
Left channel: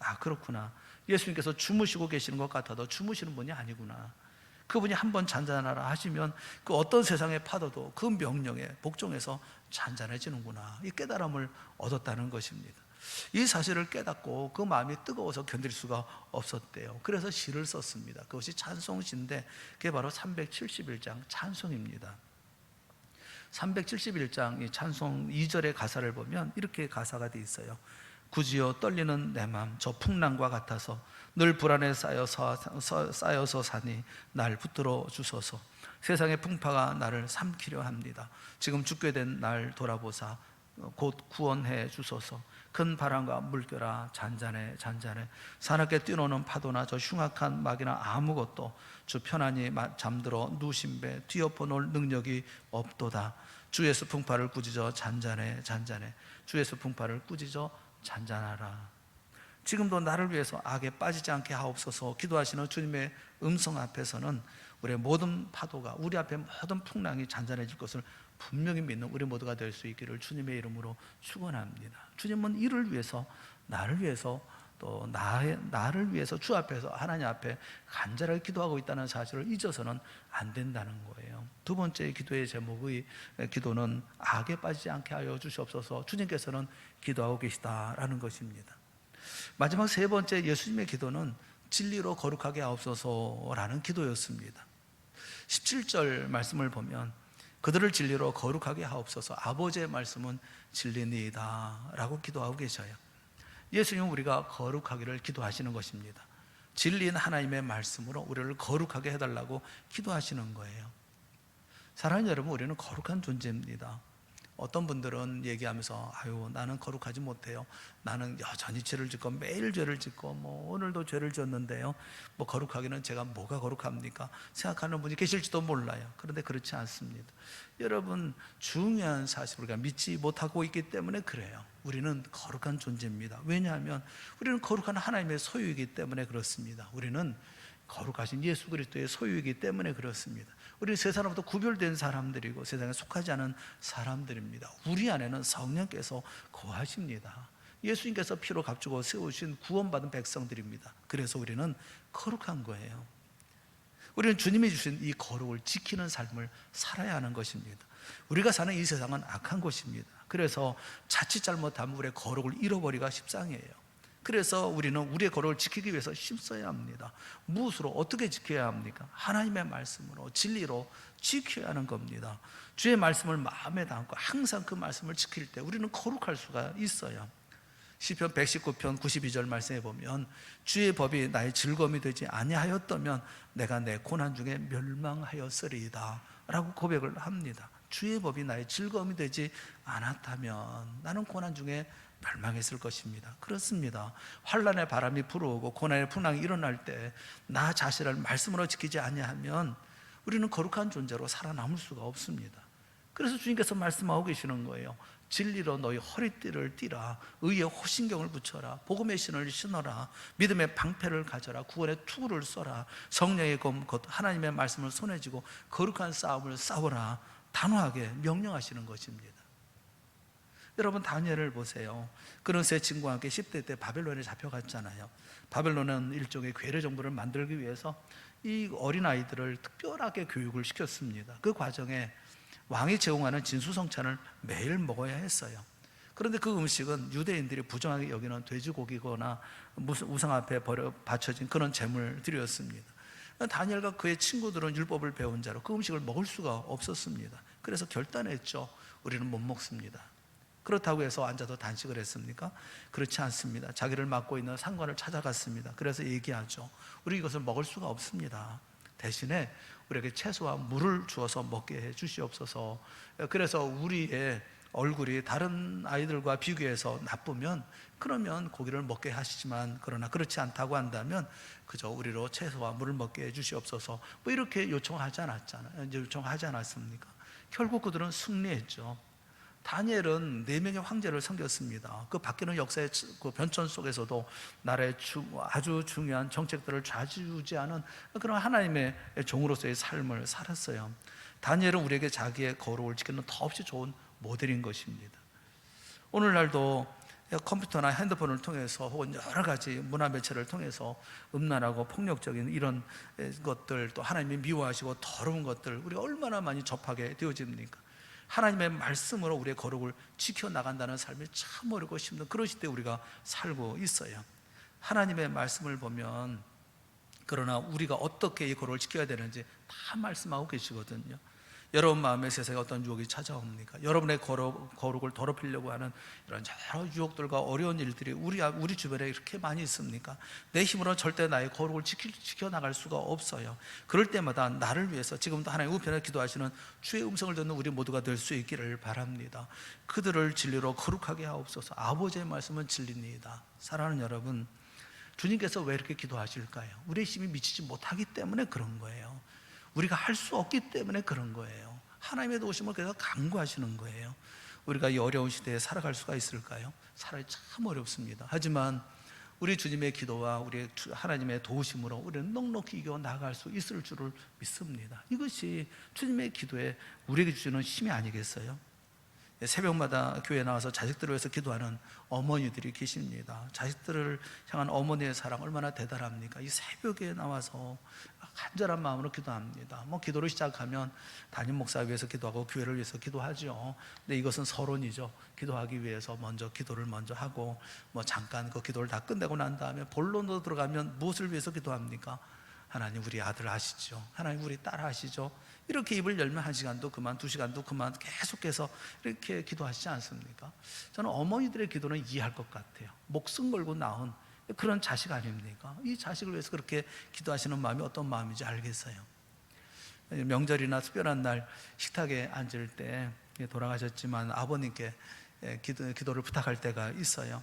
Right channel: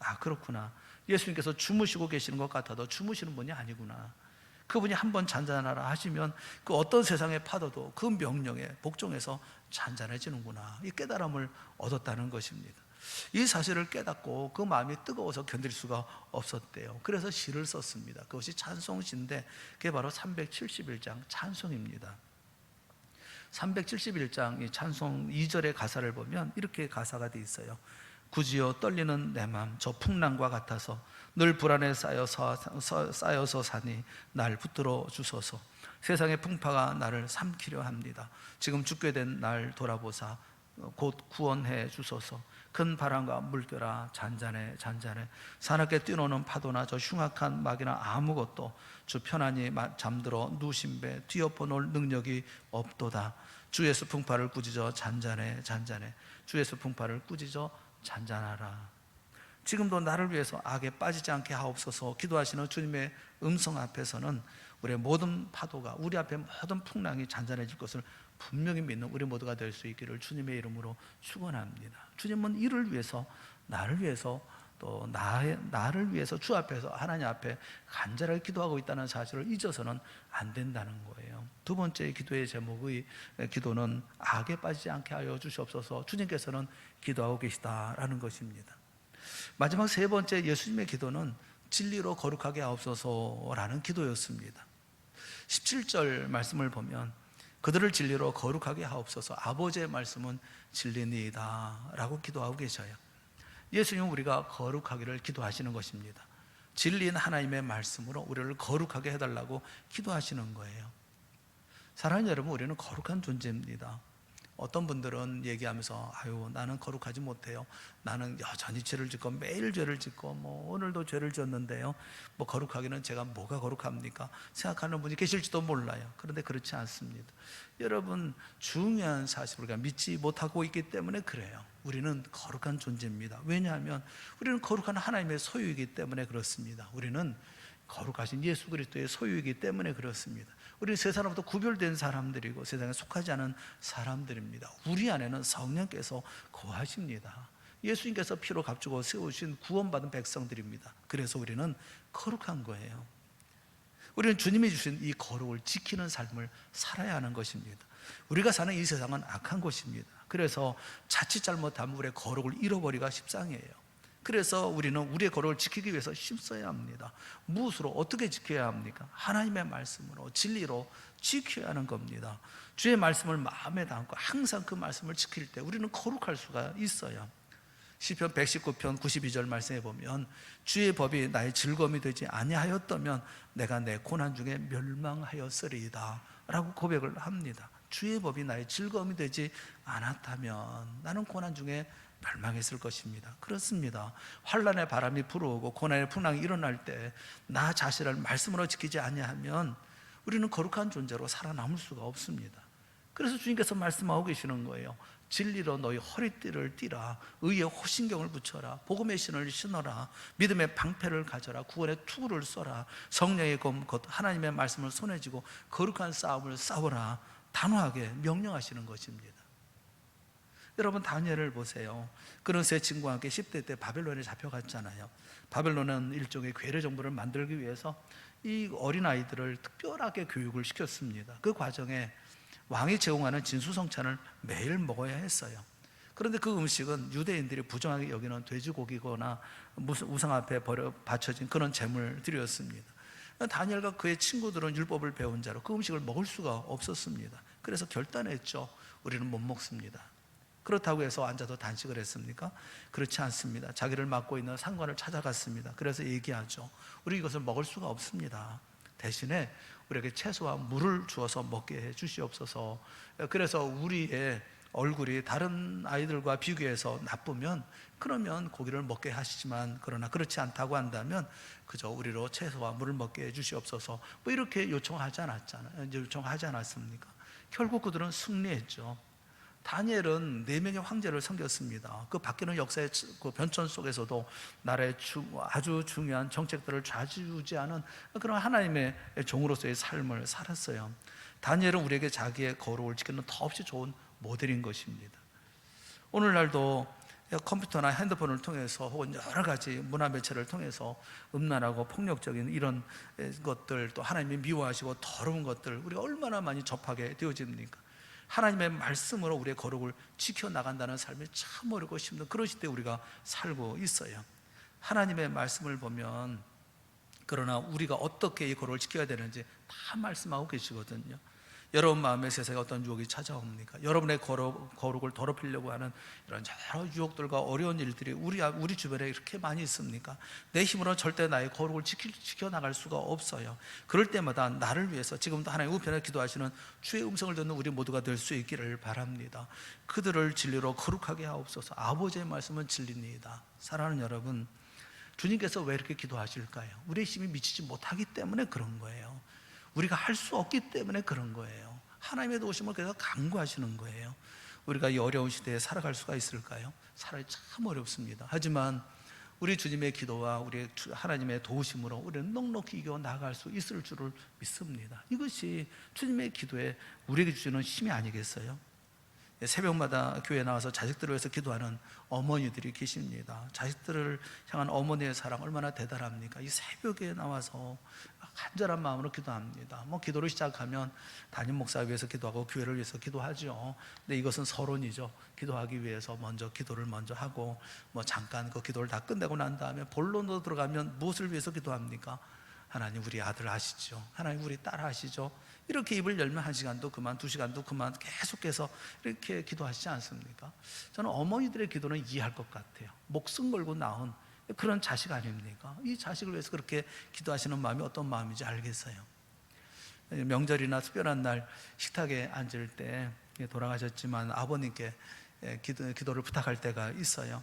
아, 그렇구나. 예수님께서 주무시고 계시는 것 같아도 주무시는 분이 아니구나. 그분이 한번 잔잔하라 하시면 그 어떤 세상의 파도도 그 명령에 복종해서 잔잔해지는구나. 이 깨달음을 얻었다는 것입니다. 이 사실을 깨닫고 그 마음이 뜨거워서 견딜 수가 없었대요. 그래서 시를 썼습니다. 그것이 찬송시인데 그게 바로 371장 찬송입니다. 371장 이 찬송 2절의 가사를 보면 이렇게 가사가 되어 있어요. 굳이여 떨리는 내 맘 저 풍랑과 같아서 늘 불안에 쌓여서 사니 날 붙들어 주소서. 세상의 풍파가 나를 삼키려 합니다. 지금 죽게 된 날 돌아보사 곧 구원해 주소서. 큰 바람과 물결아 잔잔해 사납게 뛰노는 파도나 저 흉악한 막이나 아무것도 주 편안히 잠들어 누신 배 뒤엎어 놓을 능력이 없도다. 주 예수 풍파를 꾸짖어 잔잔해 잔잔해. 주 예수 풍파를 꾸짖어 잔잔하라. 지금도 나를 위해서 악에 빠지지 않게 하옵소서 기도하시는 주님의 음성 앞에서는 우리의 모든 파도가, 우리 앞에 모든 풍랑이 잔잔해질 것을 분명히 믿는 우리 모두가 될 수 있기를 주님의 이름으로 축원합니다. 주님은 이를 위해서, 나를 위해서, 또 나를 위해서 주 앞에서, 하나님 앞에 간절하게 기도하고 있다는 사실을 잊어서는 안 된다는 거예요. 두 번째 기도의 제목의 기도는 악에 빠지지 않게 하여 주시옵소서. 주님께서는 기도하고 계시다라는 것입니다. 마지막 세 번째 예수님의 기도는 진리로 거룩하게 하옵소서라는 기도였습니다. 17절 말씀을 보면 그들을 진리로 거룩하게 하옵소서, 아버지의 말씀은 진리니이다 라고 기도하고 계셔요. 예수님은 우리가 거룩하기를 기도하시는 것입니다. 진리인 하나님의 말씀으로 우리를 거룩하게 해달라고 기도하시는 거예요. 사랑하는 여러분, 우리는 거룩한 존재입니다. 어떤 분들은 얘기하면서 아유 나는 거룩하지 못해요. 나는 여전히 죄를 짓고 매일 죄를 짓고 오늘도 죄를 지었는데요. 거룩하기는 제가 뭐가 거룩합니까? 생각하는 분이 계실지도 몰라요. 그런데 그렇지 않습니다. 여러분, 중요한 사실을 우리가 믿지 못하고 있기 때문에 그래요. 우리는 거룩한 존재입니다. 왜냐하면 우리는 거룩한 하나님의 소유이기 때문에 그렇습니다. 우리는 거룩하신 예수 그리스도의 소유이기 때문에 그렇습니다. 우리 세상으로부터 구별된 사람들이고 세상에 속하지 않은 사람들입니다. 우리 안에는 성령께서 거하십니다. 예수님께서 피로 값주고 세우신 구원받은 백성들입니다. 그래서 우리는 거룩한 거예요. 우리는 주님이 주신 이 거룩을 지키는 삶을 살아야 하는 것입니다. 우리가 사는 이 세상은 악한 곳입니다. 그래서 자칫 잘못하면 우리의 거룩을 잃어버리기가 십상이에요. 그래서 우리는 우리의 거룩을 지키기 위해서 힘써야 합니다. 무엇으로, 어떻게 지켜야 합니까? 하나님의 말씀으로, 진리로 지켜야 하는 겁니다. 주의 말씀을 마음에 담고 항상 그 말씀을 지킬 때 우리는 거룩할 수가 있어요. 시편 119편 92절 말씀에 보면 주의 법이 나의 즐거움이 되지 아니하였다면 내가 내 고난 중에 멸망하였으리이다 라고 고백을 합니다. 주의 법이 나의 즐거움이 되지 않았다면 나는 고난 중에 멸망했을 것입니다. 그렇습니다. 환난의 바람이 불어오고 고난의 풍랑이 일어날 때 나 자신을 말씀으로 지키지 아니하면 우리는 거룩한 존재로 살아남을 수가 없습니다. 그래서 주님께서 말씀하고 계시는 거예요. 진리로 너희 허리띠를 띠라, 의의 호신경을 붙여라, 복음의 신을 신어라, 믿음의 방패를 가져라, 구원의 투구를 써라, 성령의 검 곧 하나님의 말씀을 손에 쥐고 거룩한 싸움을 싸우라, 단호하게 명령하시는 것입니다. 여러분, 다니엘을 보세요. 그는 세 친구와 함께 10대 때 바벨론에 잡혀갔잖아요. 바벨론은 일종의 괴뢰 정부를 만들기 위해서 이 어린아이들을 특별하게 교육을 시켰습니다. 그 과정에 왕이 제공하는 진수성찬을 매일 먹어야 했어요. 그런데 그 음식은 유대인들이 부정하게 여기는 돼지고기거나 무슨 우상 앞에 바쳐진 그런 제물들이었습니다. 다니엘과 그의 친구들은 율법을 배운 자로 그 음식을 먹을 수가 없었습니다. 그래서 결단했죠. 우리는 못 먹습니다. 그렇다고 해서 앉아서 단식을 했습니까? 그렇지 않습니다. 자기를 맡고 있는 상관을 찾아갔습니다. 그래서 얘기하죠. 우리 이것을 먹을 수가 없습니다. 대신에 우리에게 채소와 물을 주어서 먹게 해 주시옵소서. 그래서 우리의 얼굴이 다른 아이들과 비교해서 나쁘면 그러면 고기를 먹게 하시지만, 그러나 그렇지 않다고 한다면 그저 우리로 채소와 물을 먹게 해 주시옵소서. 이렇게 요청하지 않았습니까? 결국 그들은 승리했죠. 다니엘은 4명의 황제를 섬겼습니다. 그 바뀌는 역사의 그 변천 속에서도 나라의 아주 중요한 정책들을 좌지우지하는 그런 하나님의 종으로서의 삶을 살았어요. 다니엘은 우리에게 자기의 거룩을 지키는 더없이 좋은 모델인 것입니다. 오늘날도 컴퓨터나 핸드폰을 통해서 혹은 여러 가지 문화 매체를 통해서 음란하고 폭력적인 이런 것들, 또 하나님이 미워하시고 더러운 것들 우리가 얼마나 많이 접하게 되어집니까? 하나님의 말씀으로 우리의 거룩을 지켜나간다는 삶이 참 어렵고 힘든 그런 시대에 우리가 살고 있어요. 하나님의 말씀을 보면 그러나 우리가 어떻게 이 거룩을 지켜야 되는지 다 말씀하고 계시거든요. 여러분 마음에 세상에 어떤 유혹이 찾아옵니까? 여러분의 거룩을 더럽히려고 하는 이런 여러 유혹들과 어려운 일들이 우리 주변에 이렇게 많이 있습니까? 내 힘으로 절대 나의 거룩을 지켜나갈 수가 없어요. 그럴 때마다 나를 위해서 지금도 하나님 우편에 기도하시는 주의 음성을 듣는 우리 모두가 될 수 있기를 바랍니다. 그들을 진리로 거룩하게 하옵소서. 아버지의 말씀은 진리입니다. 사랑하는 여러분, 주님께서 왜 이렇게 기도하실까요? 우리의 힘이 미치지 못하기 때문에 그런 거예요. 우리가 할 수 없기 때문에 그런 거예요. 하나님의 도우심을 계속 간구하시는 거예요. 우리가 이 어려운 시대에 살아갈 수가 있을까요? 살아기 참 어렵습니다. 하지만 우리 주님의 기도와 우리 하나님의 도우심으로 우리는 넉넉히 이겨 나갈 수 있을 줄을 믿습니다. 이것이 주님의 기도에 우리에게 주시는 힘이 아니겠어요? 새벽마다 교회에 나와서 자식들을 위해서 기도하는 어머니들이 계십니다. 자식들을 향한 어머니의 사랑 얼마나 대단합니까? 이 새벽에 나와서 간절한 마음으로 기도합니다. 기도를 시작하면 담임 목사 위해서 기도하고 교회를 위해서 기도하죠. 근데 이것은 서론이죠. 기도하기 위해서 먼저 기도를 먼저 하고 잠깐 그 기도를 다 끝내고 난 다음에 본론으로 들어가면 무엇을 위해서 기도합니까? 하나님 우리 아들 아시죠? 하나님 우리 딸 아시죠? 이렇게 입을 열면 1시간도 그만 2시간도 그만 계속해서 이렇게 기도하시지 않습니까? 저는 어머니들의 기도는 이해할 것 같아요. 목숨 걸고 낳은 그런 자식 아닙니까? 이 자식을 위해서 그렇게 기도하시는 마음이 어떤 마음인지 알겠어요. 명절이나 특별한 날 식탁에 앉을 때 돌아가셨지만 아버님께 기도를 부탁할 때가 있어요.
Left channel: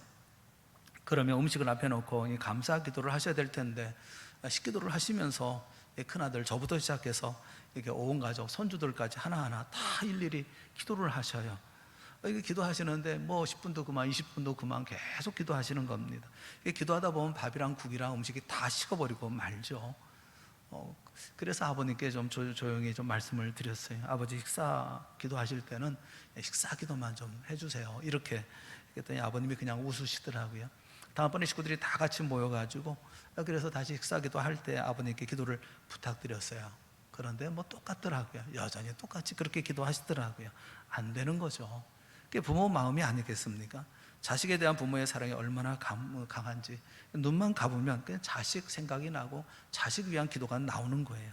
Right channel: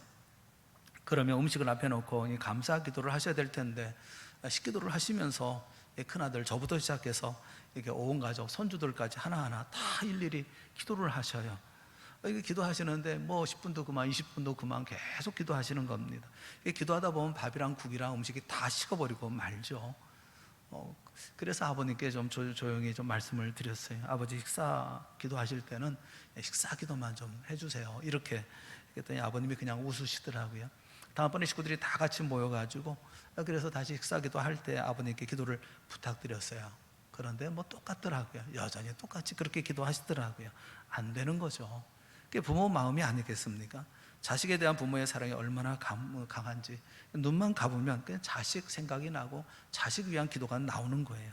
그러면 음식을 앞에 놓고 감사 기도를 하셔야 될 텐데 식기도를 하시면서 큰아들 저부터 시작해서 이렇게 온 가족 손주들까지 하나하나 다 일일이 기도를 하셔요. 이게 기도하시는데 10분도 그만 20분도 그만 계속 기도하시는 겁니다. 기도하다 보면 밥이랑 국이랑 음식이 다 식어버리고 말죠. 그래서 아버님께 좀 조용히 좀 말씀을 드렸어요. 아버지 식사 기도하실 때는 식사 기도만 좀 해주세요. 이렇게 그랬더니 아버님이 그냥 웃으시더라고요. 다음번에 식구들이 다 같이 모여가지고 그래서 다시 식사 기도할 때 아버님께 기도를 부탁드렸어요. 그런데 똑같더라고요. 여전히 똑같이 그렇게 기도하시더라고요. 안 되는 거죠. 그게 부모 마음이 아니겠습니까? 자식에 대한 부모의 사랑이 얼마나 강한지 눈만 감으면 그냥 자식 생각이 나고 자식 위한 기도가 나오는 거예요.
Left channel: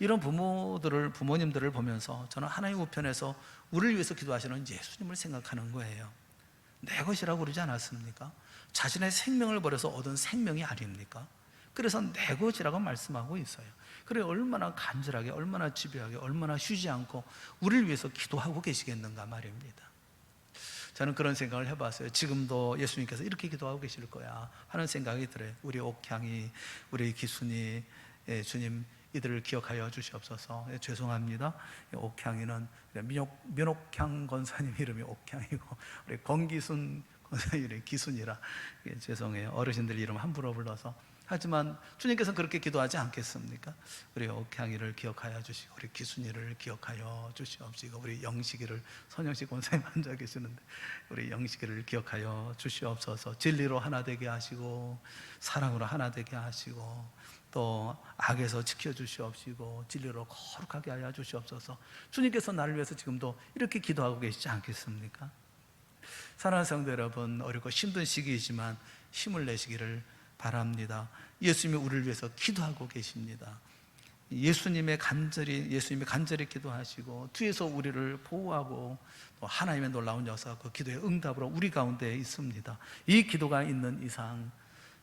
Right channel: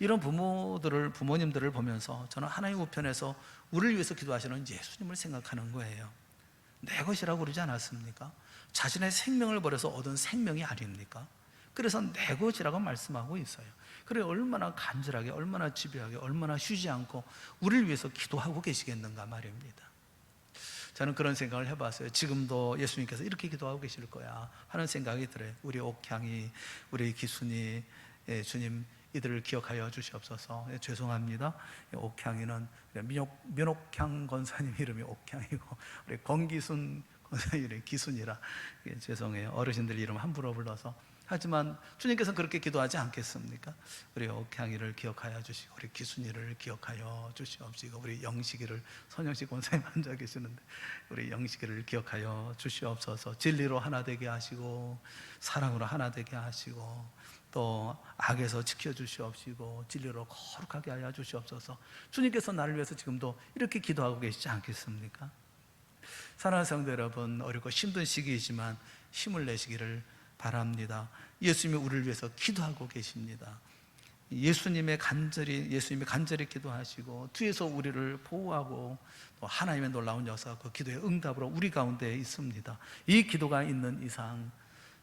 이런 부모님들을 보면서 저는 하나님 우편에서 우리를 위해서 기도하시는 예수님을 생각하는 거예요. 내 것이라고 그러지 않았습니까? 자신의 생명을 버려서 얻은 생명이 아닙니까? 그래서 내 것이라고 말씀하고 있어요. 그래 얼마나 간절하게 얼마나 집요하게 얼마나 쉬지 않고 우리를 위해서 기도하고 계시겠는가 말입니다. 저는 그런 생각을 해봤어요. 지금도 예수님께서 이렇게 기도하고 계실 거야 하는 생각이 들어요. 우리 옥향이, 우리 기순이, 주님 이들을 기억하여 주시옵소서. 죄송합니다. 옥향이는 민옥향 권사님 이름이 옥향이고 우리 권기순 권사님 이름이 기순이라 죄송해요. 어르신들 이름 함부로 불러서. 하지만 주님께서는 그렇게 기도하지 않겠습니까? 우리 옥향이를 기억하여 주시고 우리 기순이를 기억하여 주시옵시고 우리 영식이를 선영식 권사님 앉아 계시는데 우리 영식이를 기억하여 주시옵소서. 진리로 하나 되게 하시고 사랑으로 하나 되게 하시고 또 악에서 지켜주시옵시고 진리로 거룩하게 하여 주시옵소서. 주님께서 나를 위해서 지금도 이렇게 기도하고 계시지 않겠습니까? 사랑하는 성도 여러분, 어렵고 힘든 시기이지만 힘을 내시기를 바랍니다. 예수님이 우리를 위해서 기도하고 계십니다. 예수님이 간절히 기도하시고 뒤에서 우리를 보호하고 또 하나님의 놀라운 역사가 그 기도의 응답으로 우리 가운데 있습니다. 이 기도가 있는 이상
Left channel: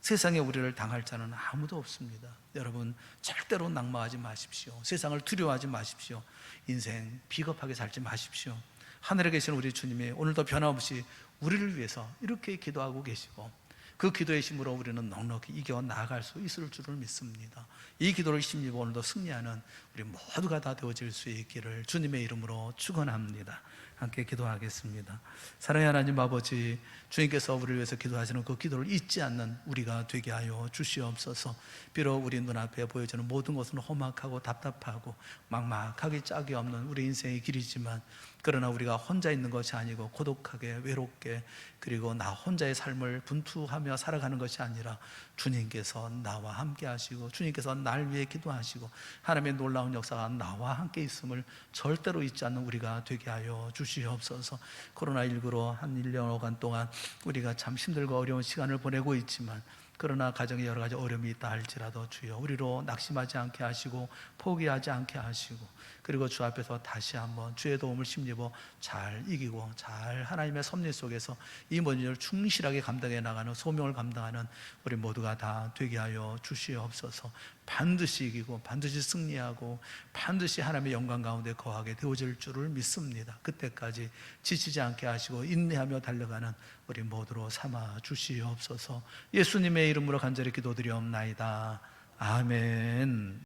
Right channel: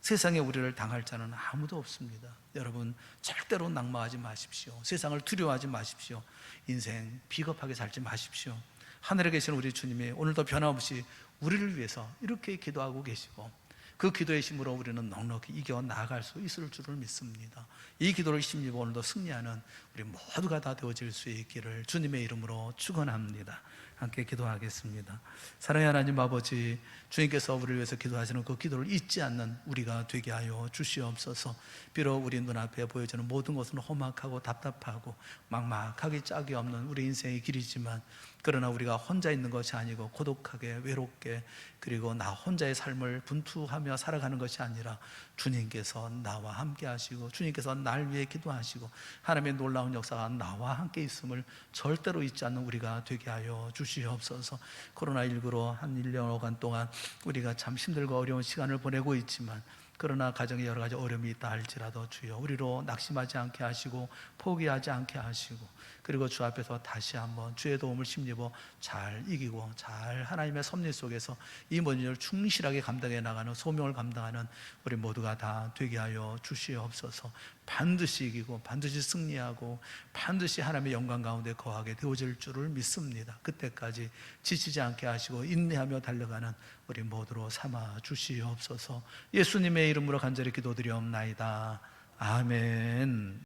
세상에 우리를 당할 자는 아무도 없습니다. 여러분 절대로 낙마하지 마십시오. 세상을 두려워하지 마십시오. 인생 비겁하게 살지 마십시오. 하늘에 계신 우리 주님이 오늘도 변함없이 우리를 위해서 이렇게 기도하고 계시고 그 기도의 힘으로 우리는 넉넉히 이겨 나아갈 수 있을 줄을 믿습니다. 이 기도를 힘입어 오늘도 승리하는 우리 모두가 다 되어질 수 있기를 주님의 이름으로 축원합니다. 함께 기도하겠습니다. 사랑의 하나님 아버지, 주님께서 우리를 위해서 기도하시는 그 기도를 잊지 않는 우리가 되게 하여 주시옵소서. 비록 우리 눈앞에 보여지는 모든 것은 험악하고 답답하고 막막하기 짝이 없는 우리 인생의 길이지만 그러나 우리가 혼자 있는 것이 아니고 고독하게 외롭게 그리고 나 혼자의 삶을 분투하며 살아가는 것이 아니라 주님께서 나와 함께 하시고 주님께서 날 위해 기도하시고 하나님의 놀라운 역사가 나와 함께 있음을 절대로 잊지 않는 우리가 되게 하여 주시옵소서. 코로나19로 한 1년간 동안 우리가 참 힘들고 어려운 시간을 보내고 있지만 그러나 가정에 여러 가지 어려움이 있다 할지라도 주여 우리로 낙심하지 않게 하시고 포기하지 않게 하시고 그리고 주 앞에서 다시 한번 주의 도움을 힘입어 잘 이기고 잘 하나님의 섭리 속에서 이 모든 일을 충실하게 감당해 나가는 소명을 감당하는 우리 모두가 다 되게 하여 주시옵소서. 반드시 이기고 반드시 승리하고 반드시 하나님의 영광 가운데 거하게 되어질 줄을 믿습니다. 그때까지 지치지 않게 하시고 인내하며 달려가는 우리 모두로 삼아 주시옵소서. 예수님의 이름으로 간절히 기도드리옵나이다. 아멘.